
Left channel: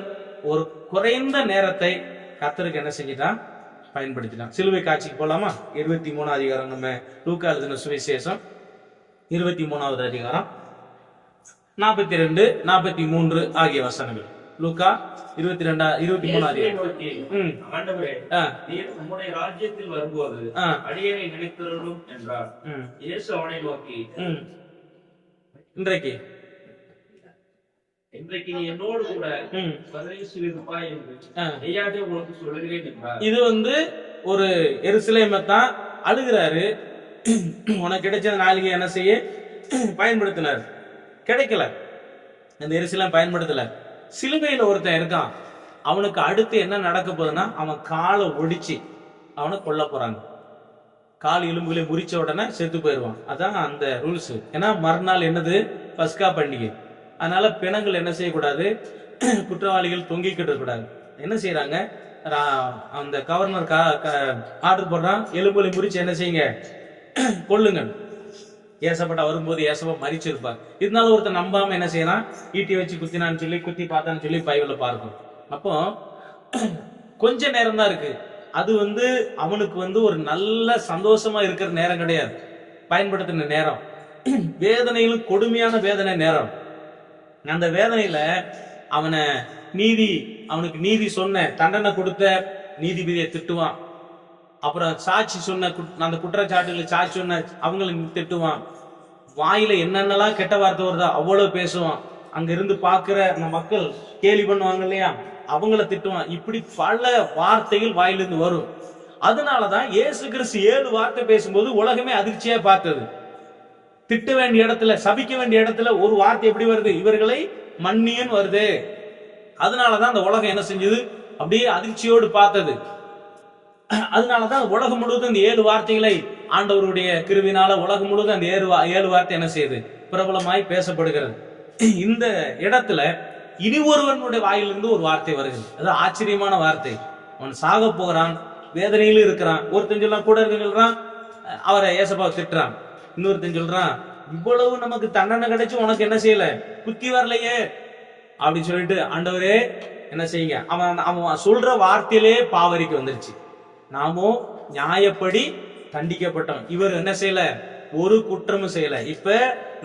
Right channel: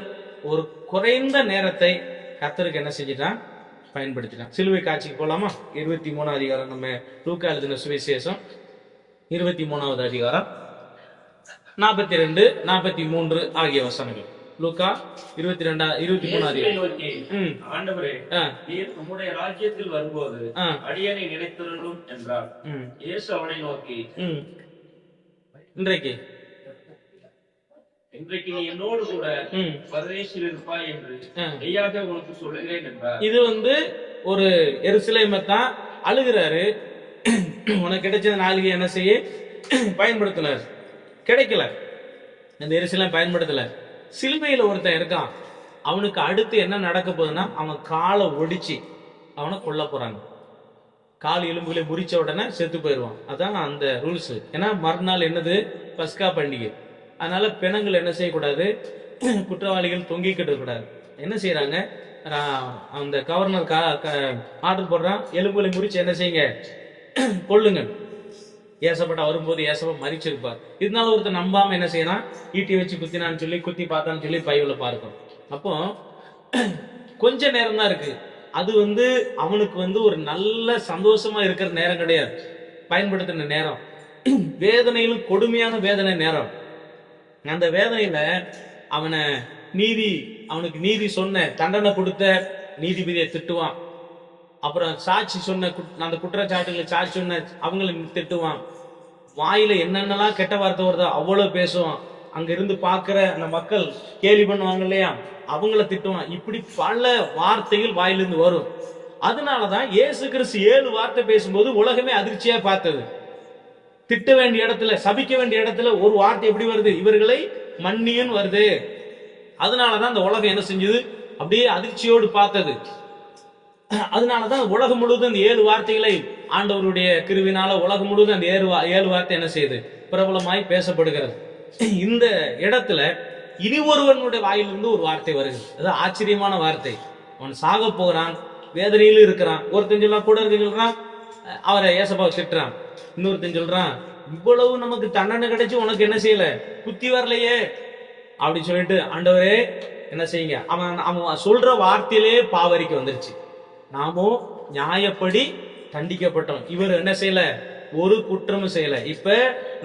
ஒரு குறைந்த நேரத்தை கர்த்தருக்கு என்ன செஞ்சிட்டான், பயன்படுத்தினான். சிலுவை காட்சிக்கு போலாமா? 23 அதிகாரம் நம்ம லூக்கா எழுதின சுவிசேஷம் 23வது அதிகாரம் 42, 43 ஆகிய வசனங்கள். லூக்கா 23 அதிகாரம். நோக்கி, ஆண்டவரே, நீர் உம்முடைய ராஜ்யத்தில் வரும்போது அடியேனை நினைத்தருளும் என்றார். இயேசு அவனை நோக்கி, இன்றைக்கு நீ என்னோடு கூட பரதேசில் இருப்பாய் என்று மெய்யாக உனக்கு சொல்லுகிறேன் என்றார். இது ஒரு எருசலேமை தான் அழுகிறாரு. உனக்கு கிடைச்ச நாளிகை என்ன செய்ய பயன்படுத்தினார், கிடைக்கல. இந்த எருசலேம் பயன்படுத்தல. சிலுவையில ஒருத்தன் இருக்கான், அவனுக்கு அடுத்து என்ன நடக்க போகுதுன்னா, அவன் காலை ஒடிச்சு அவனை கொல்ல போறாங்க. கால் எலும்புகளை முறிச்ச உடனே செத்து போயிடுவான். அதான் அந்த ரூல்ஸ். ஏன்னா மறுநாள் என்னது, பஸ்கா பண்டிகை. அதனால பிணங்கள் என்ன செய்யக்கூடாது, குற்றவாளிகள் தொங்கிக்கிட்டு இருக்கக்கூடாது. என்ன செய்யறாங்க, அந்த கவர்னர் ஆர்டர் போடுறான், எலும்புகளை முறிச்சு என்ன செய்யுங்க, கொல்லுங்க. ஏசப்பட்ட வரும்போது ஏசப்பா மறிச்சிருப்பார். இதனால ஒருத்தர் நம்பாம என்ன செய்யறான், ஈட்டி வச்சு குத்தினான்னு சொல்லி, குத்தி பார்த்தான்னு சொல்லி பைபிள்ல பார்க்கும். அப்போ கொஞ்ச நேரம் தான் இருக்கு. அது அவனுக்கு ஒரு நல்ல சந்தோஷமா இருக்கிற நேரம் கிடையாது, பயன்படுத்தின நேரம். வேதனையிலும் கொடுமையான வேதனை நேரம். அந்த வேதனையில அவனுக்கு நீதி சொன்ன, தண்டனை கொடுத்த நீதிபதியை திட்டுவான். அப்புறம் சாட்சி சொன்ன, அந்த குற்றச்சாட்டுகளை சாட்சி சொன்ன அவங்களை திட்டுவான். வாயில என்னென்னலாம் கெட்ட வார்த்தை வருதோ அவ்வளவு பேசுவான். அங்க இருந்து பாக்குற அந்த மக்கள் கேலி பண்ணுவாங்க இல்லையா, அவங்கள திட்டுவான். இப்படி பல வார்த்தைகள் வாயிலிருந்து வரும். அதனாலதான் இயேசு கிறிஸ்து 7 வார்த்தை பேசும்போது உலகமே அதிர்ச்சியா பார்த்தது. திட்ட வேண்டிய இடத்துல, சபிக்க வேண்டிய இடத்துல ஒரு வார்த்தை எப்படி வருது, இவர்களை மன்னியன்னு வருது. அதனாலதான் அந்த உலகம் என்ன செஞ்சது, அப்படியே அதிர்ச்சியோடு பார்த்தது. அதனாலதான் உலகம் முழுவதும் இந்த 7 வார்த்தைகளை ஆண்டவருடைய கிருவினால உலகம் முழுவதும் அந்த 7 வார்த்தை என்ன செய்யுது, பிரபலமாய் பேசப்படுகிறது. இந்த இடத்துல இனி ஒருவனுடைய வாயிலிருந்து ஒரு வார்த்தை வருகிறது. அது ஆச்சரியமான வார்த்தை. அவன் சாக போகிறான், வேதனையிலும் இருக்கிறான். ஒருத்தன் சொல்றான், கூட இருக்கிறான், அவரை ஏசப்பாவை திட்டுறான். இன்னொருத்தன் சொல்றான், இவ்வளவு நமக்கு தண்டனை கிடைச்சு உனக்கு என்ன செய்யல, புத்தி வரலையே அப்படின்னு சொல்லிட்டு, ஆண்டவரே என்ன செய்யுங்க. அவன் சொல்ற வார்த்தையிலே பாவரிக்கு வந்துருச்சு. நாமோ நியாயப்படி தண்டிக்கப்பட்டோம், இவர் என்ன செய்யல, ஒரு குற்றமும் செய்யல. இப்ப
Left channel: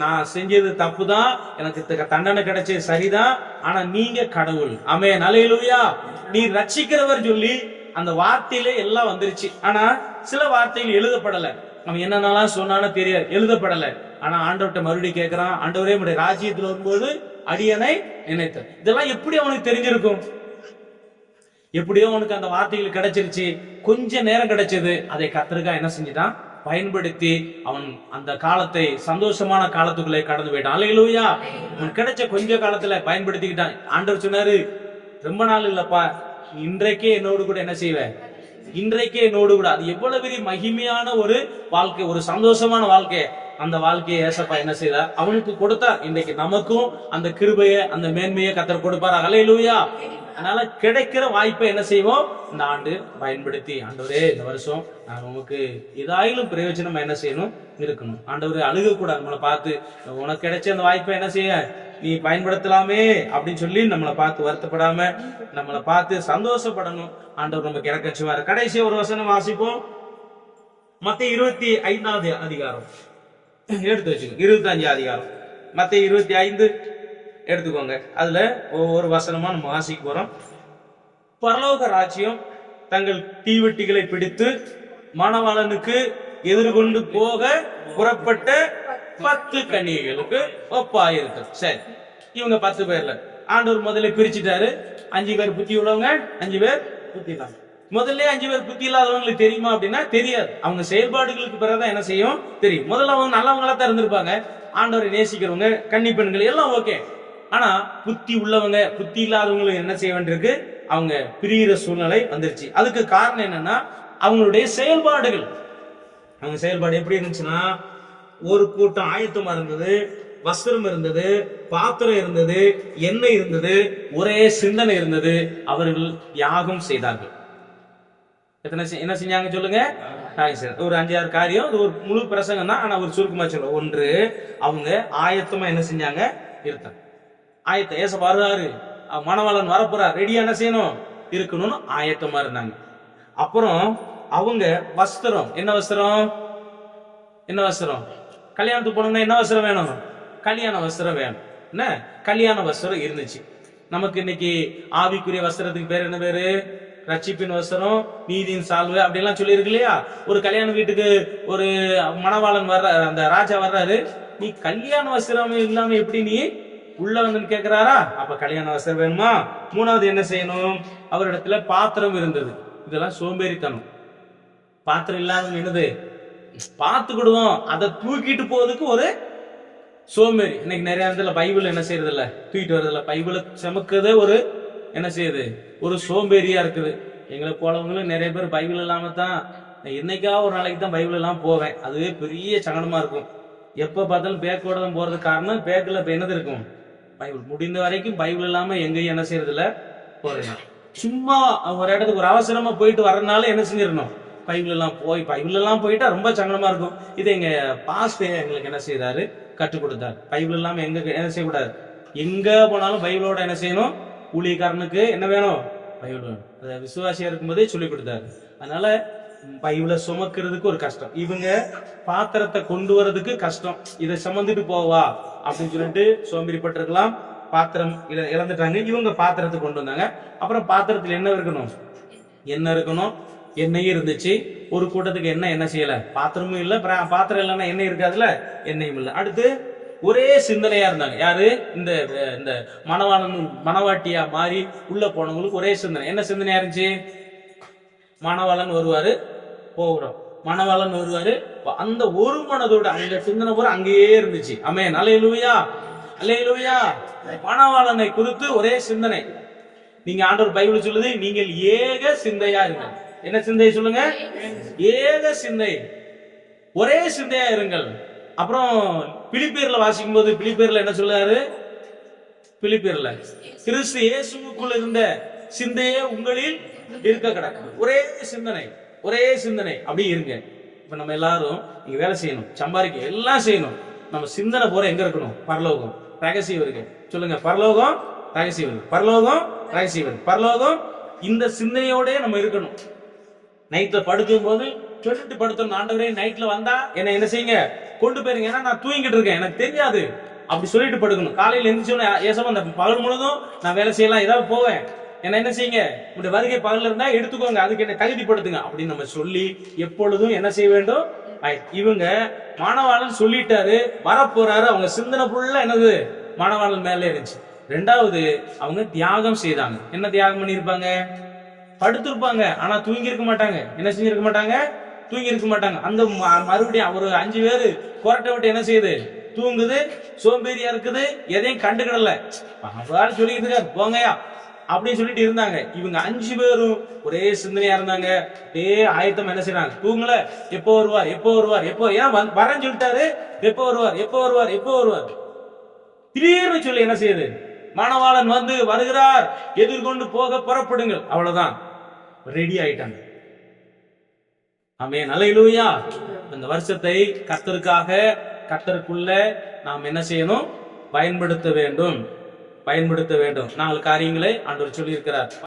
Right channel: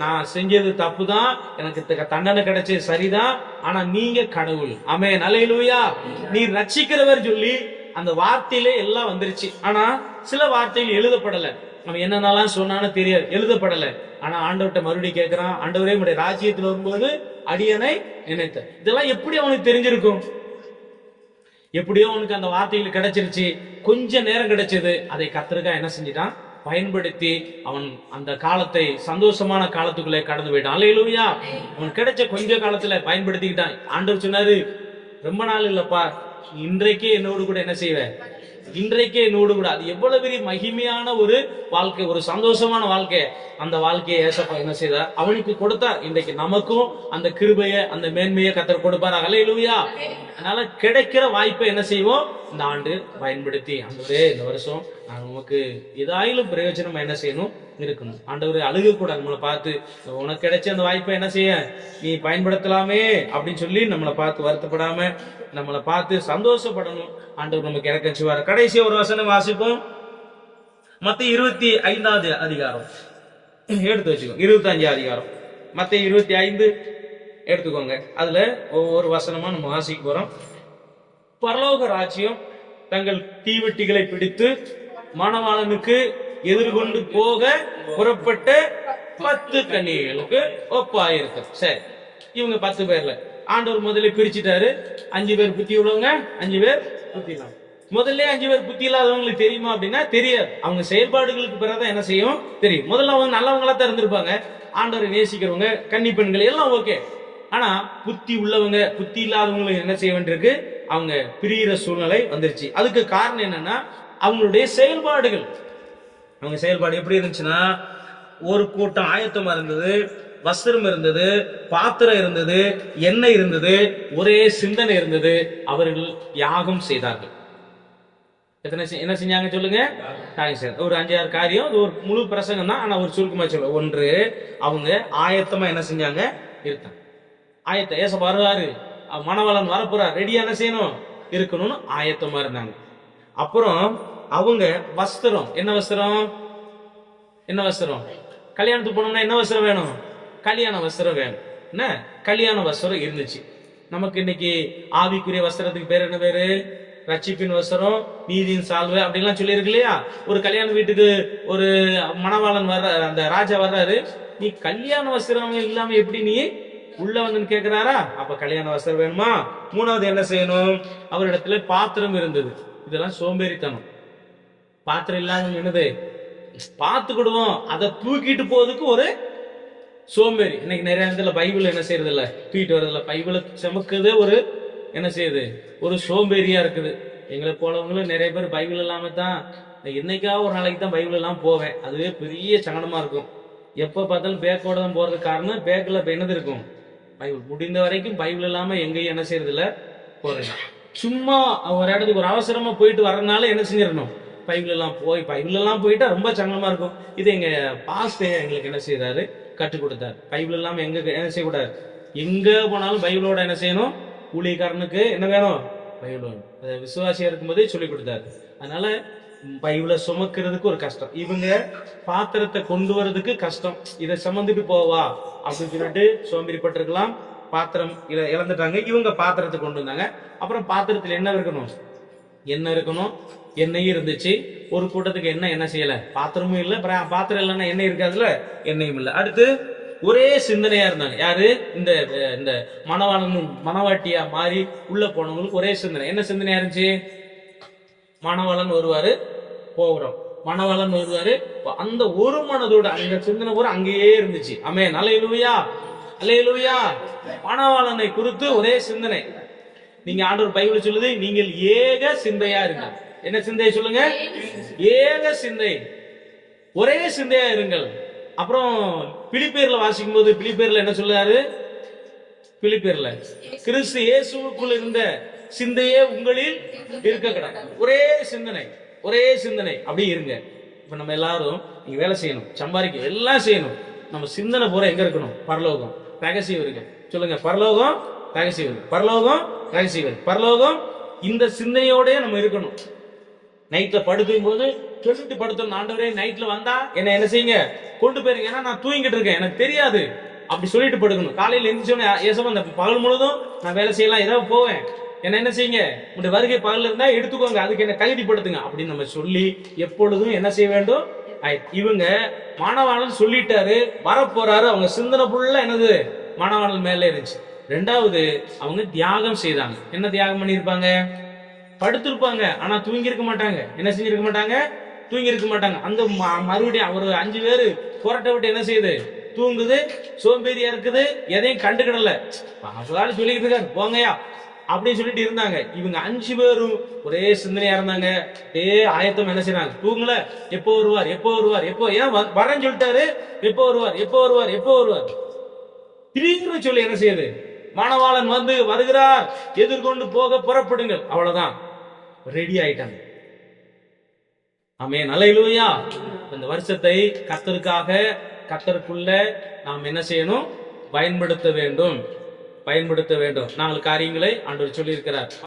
நான் செஞ்சது தப்பு தான், எனக்கு தண்டனை கிடைச்சது சரிதான், ஆனா நீங்க கடவுள். ஆமென், அல்லேலூயா. நீ ரட்சிக்கிறவர் சொல்லி அந்த வார்த்தையிலே எல்லாம் வந்துருச்சு. ஆனா சில வார்த்தைகள் எழுதப்படல. அவன் என்னென்னலாம் சொன்னான்னு தெரியாது, எழுதப்படல. ஆனா ஆண்டவர்கிட்ட மறுபடியும் கேட்கிறான், ஆண்டவரே உம்முடைய ராஜ்யத்தில் வரும்போது அடியனை நினைத்த. இதெல்லாம் எப்படி அவனுக்கு தெரிஞ்சிருக்கும்? எப்படியோ அவனுக்கு அந்த வார்த்தைகள் கிடைச்சிருச்சு. கொஞ்ச நேரம் கிடைச்சது, அதை கர்த்தருக்காக என்ன செஞ்சிட்டான், பயன்படுத்தி அவன் அந்த காலத்தை சந்தோஷமான காலத்துக்குள்ளே கடந்து போயிட்டான். அல்லேலூயா. அவன் கிடைச்ச கொஞ்ச காலத்துல பயன்படுத்திக்கிட்டான். ஆண்டவர் சொன்னாரு, ரொம்ப நாள் இல்லப்பா, இன்றைக்கே என்னோடு கூட என்ன செய்வேன், இன்றைக்கே என்னோடு கூட. அது எவ்வளவு பெரிய மகிமையான ஒரு வாழ்க்கை, ஒரு சந்தோஷமான வாழ்க்கை. அந்த வாழ்க்கையை ஏசப்பா என்ன செய்தார், அவனுக்கு கொடுத்தார். இன்றைக்கு நமக்கும் அந்த கிருபையை, அந்த மேன்மையை கர்த்தர் கொடுப்பார். அல்லேலூயா. அதனால கிடைக்கிற வாய்ப்பை என்ன செய்வோம், இந்த ஆண்டு பயன்படுத்தி, ஆண்டவரே இந்த வருஷம் நான் உனக்கு ஏதாயிலும் பிரயோஜனம் என்ன செய்யணும், இருக்கணும். ஆண்டவரே அழுக கூட நம்மளை பார்த்து, உனக்கு கிடைச்ச அந்த வாய்ப்பை என்ன செய்ய நீ பயன்படுத்தலாமே அப்படின்னு சொல்லி நம்மளை பார்த்து வருத்தப்படாம நம்மளை பார்த்து சந்தோஷப்படணும். ஆண்டவர் நமக்கு இறக்கம் செய்வார். கடைசி ஒரு வசனம் வாசிப்போம். மத்தேயு 25வது அதிகாரம் எடுத்து வச்சுக்கோ. 25 அதிகாரம் மத்தேயு 25 எடுத்துக்கோங்க. அதுல ஒவ்வொரு வசனமா நம்ம வாசிக்க போறோம். பரலோக ராஜ்யம் தங்கள் தீவெட்டிகளை பிடித்து மணவாளனுக்கு எதிர்கொண்டு போக புறப்பட்ட 10 கன்னிகைகளுக்கு ஒப்பாயிருக்கு. சரி, இவங்க 10 பேர்ல ஆண்டவர் முதல்ல பிரிச்சுட்டாரு. 5 பேர் புத்தி உள்ளவங்க, 5 பேர் புத்தி இல்லாம. முதல்ல 5 பேர் புத்தி இல்லாதவங்களுக்கு தெரியுமா அப்படின்னா தெரியாது. அவங்க செயல்பாடுகளுக்கு பிறகுதான் என்ன செய்யும் தெரியும். முதல்ல அவங்க நல்லவங்களா தான் இருந்திருப்பாங்க, ஆண்டவரை நேசிக்கிறவங்க, கன்னி பெண்கள் எல்லாம் ஓகே. ஆனா புத்தி உள்ளவங்க, புத்தி இல்லாதவங்களுக்கு என்ன செய்ய வேண்டியிருக்கு, அவங்க பிரிகிற சூழ்நிலை வந்துருச்சு. அதுக்கு காரணம் என்னன்னா அவங்களுடைய செயல்பாடுகள். அவங்க செயல்பாடு எப்படி இருந்துச்சுன்னா, ஒரு கூட்டம் ஆயத்தமா இருந்தது, வஸ்திரம் இருந்தது, பாத்திரம் இருந்தது, எண்ணெய் இருந்தது, ஒரே சிந்தனை இருந்தது. அவர்கள் யாகம் செய்தார்கள். என்ன செஞ்சாங்க சொல்லுங்க? ஒரு 5-6 காரியம். அது ஒரு முழு பிரசங்கம் தான், ஆனா ஒரு சுருக்கமா சொல்ல. ஒன்று, அவங்க ஆயத்தமா என்ன செஞ்சாங்க இருந்தாங்க. ஆயத்த ஏச வருவாரு, மணவாளன் வரப்போறார், ரெடியா என்ன செய்யணும் இருக்கணும்னு ஆயத்தமா இருந்தாங்க. அப்புறம் அவங்க வஸ்திரம், என்ன வஸ்திரம், என்ன வஸ்திரம், கல்யாணத்துக்கு போனோம்னா என்ன வஸ்திரம் வேணும்? கல்யாண வஸ்திரம் வேணும். என்ன கல்யாண வஸ்திரம் இருந்துச்சு. நமக்கு இன்னைக்கு ஆவிக்குரிய வஸ்திரத்துக்கு பேர் என்ன பேரு? ரட்சிப்பின் வஸ்திரம், நீதியின் சால்வை அப்படின்லாம் சொல்லியிருக்கு இல்லையா? ஒரு கல்யாண வீட்டுக்கு ஒரு மணவாளன் வர்ற, அந்த ராஜா வர்றாரு, நீ கல்யாண வஸ்திரம் இல்லாம எப்படி நீ உள்ள வந்து கேட்கிறாரா? அப்ப கல்யாண வஸ்திரம் வேணுமா? மூணாவது என்ன செய்யணும்? அவரிடத்துல பாத்திரம் இருந்தது. இதெல்லாம் சோம்பேறித்தனம். பாத்திரம் இல்லாத என்னது? பார்த்துக்கிடுவோம், அதை தூக்கிட்டு போறதுக்கு ஒரு சோம்பேறி. இன்னைக்கு நிறைய இடத்துல பைபிள் என்ன செய்யறது இல்ல, தூக்கிட்டு வர்றது இல்ல. பைபிளை சமக்குதே ஒரு என்ன செய்யுது? ஒரு சோம்பேறியா இருக்குது. எங்களை போலவங்களும் நிறைய பேர் பைபிள் இல்லாம தான், என்னைக்கா ஒரு நாளைக்கு தான் பைபிள் எல்லாம் போவேன். அதுவே பெரிய சங்கடமா இருக்கும். எப்ப பார்த்தாலும் பேக்கோட தான் போறதுக்கு காரணம், பேக்கில் இப்ப என்னது இருக்கும்? பைபிள். முடிந்த வரைக்கும் பைபிள் இல்லாம எங்கேயும் என்ன செய்யறது இல்ல, போறது. சும்மா ஒரு இடத்துக்கு ஒரு அவசரமா போயிட்டு வர்றதுனால என்ன செஞ்சிடணும்? பைபிள் எல்லாம் பைபிள் எல்லாம் போயிட்டா ரொம்ப சங்கடமா இருக்கும். இது எங்க பாஸ்டே எங்களுக்கு என்ன செய்யறாரு, கற்றுக் கொடுத்தார். பைபிள் இல்லாம எங்க என்ன செய்யக்கூடாது, எங்க போனாலும் பைபிளோட என்ன செய்யணும்? ஊழியக்காரனுக்கு என்ன வேணும்? பைபிள் வேணும். அதை விசுவாசியா இருக்கும்போதே சொல்லி கொடுத்தாரு. அதனால பைபிளை சுமக்கிறதுக்கு ஒரு கஷ்டம், இவங்க பாத்திரத்தை கொண்டு வர்றதுக்கு கஷ்டம். இதை சுமந்துட்டு போவா அப்படின்னு சொல்லிட்டு சோம்பேறிப்பட்டிருக்கலாம். பாத்திரம் இழந்துட்டாங்க. இவங்க பாத்திரத்தை கொண்டு வந்தாங்க. அப்புறம் பாத்திரத்தில் என்ன இருக்கணும்? எண்ணெய் இருக்கணும். எண்ணெயும் இருந்துச்சு. ஒரு கூட்டத்துக்கு என்ன செய்யல, பாத்திரமும் இல்ல. பாத்திரம் இல்லைன்னா எண்ணெய் இருக்காதுல, எண்ணெயும் இல்லை. அடுத்து ஒரே சிந்தனையா இருந்தாங்க. யாரு? இந்த மணவாளனும் மணவாட்டியா மாறி உள்ள போனவங்களுக்கு ஒரே சிந்தனை. என்ன சிந்தனையா இருந்துச்சு? மணவாளன் வருவாரு, போகிறோம். மணவாளன் வருவாரு. அந்த ஒரு மனதோட அந்த சிந்தனை பூரா அங்கேயே இருந்துச்சு. ஆமென், அல்லேலூயா, அல்லேலூயா. மணவாளனை குறித்து ஒரே சிந்தனை. நீங்க ஆண்டவர் பைபிள் சொல்லுது, நீங்கள் ஏக சிந்தையா இருங்க. என்ன சிந்தை சொல்லுங்க? ஏக சிந்தை, ஒரே சிந்தையா இருங்கள். அப்புறம் பிலிப்பியர்ல வாசிக்கும் போது, பிலிப்பியர்ல என்ன சொல்றாரு? பிலிப்பியர்ல கிறிஸ்து இயேசுவுக்குள் இருந்த சிந்தையே உங்களில் இருக்க கிடக்கு. ஒரே சிந்தனை, ஒரே சிந்தனை. அப்படி இருங்க. இப்ப நம்ம எல்லாரும் நீங்க வேலை செய்யணும், சம்பாதிக்க, எல்லாம் செய்யணும். நம்ம சிந்தனை பூரா எங்க இருக்கணும்? பரலோகம், ரகசியம் இருக்கு. சொல்லுங்க, பரலோகம், ரகசியம் இருக்கு. பரலோகம், ரகசியம் இருக்கு. பரலோகம், இந்த சிந்தனையோட நம்ம இருக்கணும். நைட்ல படுக்கும் போது சொல்லிட்டு படுத்தணும், ஆண்டவரே நைட்ல வந்தா என்ன செய்யுங்க, கொண்டு போயிருங்க, ஏன்னா நான் தூங்கிட்டு இருக்கேன், எனக்கு தெரியாது, அப்படி சொல்லிட்டு படுக்கணும். காலையில் எந்திரிச்சோன்னு ஏசப்பா இந்த பகல் முழுதும் நான் வேலை செய்யலாம், ஏதாவது போவேன், என்ன செய்யுங்க, உங்களுடைய வருகை பகல்ல இருந்தா எடுத்துக்கோங்க, அதுக்கு என்ன தகுதிப்படுத்துங்க அப்படின்னு நம்ம சொல்லி எப்பொழுதும் என்ன செய்ய வேண்டும்? இவங்க மாணவாளன் சொல்லிட்டாரு, வரப்போறாரு. அவங்க சிந்தனை ஃபுல்லா என்னது? மாணவாளன் மேல இருந்துச்சு. ரெண்டாவது, அவங்க தியாகம் செய்தாங்க. என்ன தியாகம் பண்ணிருப்பாங்க? படுத்திருப்பாங்க, ஆனா தூங்கி இருக்க மாட்டாங்க. என்ன செஞ்சிருக்க மாட்டாங்க? தூங்கி இருக்க மாட்டாங்க. அந்த மறுபடியும் ஒரு 5 பேரு கொரட்டை விட்டு என்ன செய்யுது? தூங்குது, சோம்பேறியா இருக்குது, எதையும் கண்டுக்கிடல. சொல்லிக்கிட்டு இருக்காரு, போங்கயா அப்படின்னு சொல்லிட்டு இருந்தாங்க. இவங்க 5 பேரும் ஒரே சிந்தனையா இருந்தாங்க. அப்படியே ஆயத்தம் என்ன செய்யறாங்க? தூங்கல, எப்போ வருவார், எப்போ வருவார், எப்போ, ஏன் வரேன்னு சொல்லிட்டாரு, எப்போ வருவார், எப்போ வருவார், எப்போ வருவார். திடீர்னு சொல்லி என்ன செய்யுது? மணவாளன் வந்து வருகிறார், எதிர்கொண்டு போக புறப்படுங்கள். அவ்வளவுதான், ரெடி ஆயிட்டாங்க. ஆமென், அல்லேலூயா. இந்த வருஷத்தை கர்த்தருக்காக, கர்த்தருக்குள்ள நாம் என்ன செய்யணும்? பயன்படுத்த வேண்டும், பயன்படுத்த வேண்டும். 4 காரியங்களை ஆண்டவர் சொல்லி இருக்கிறார்.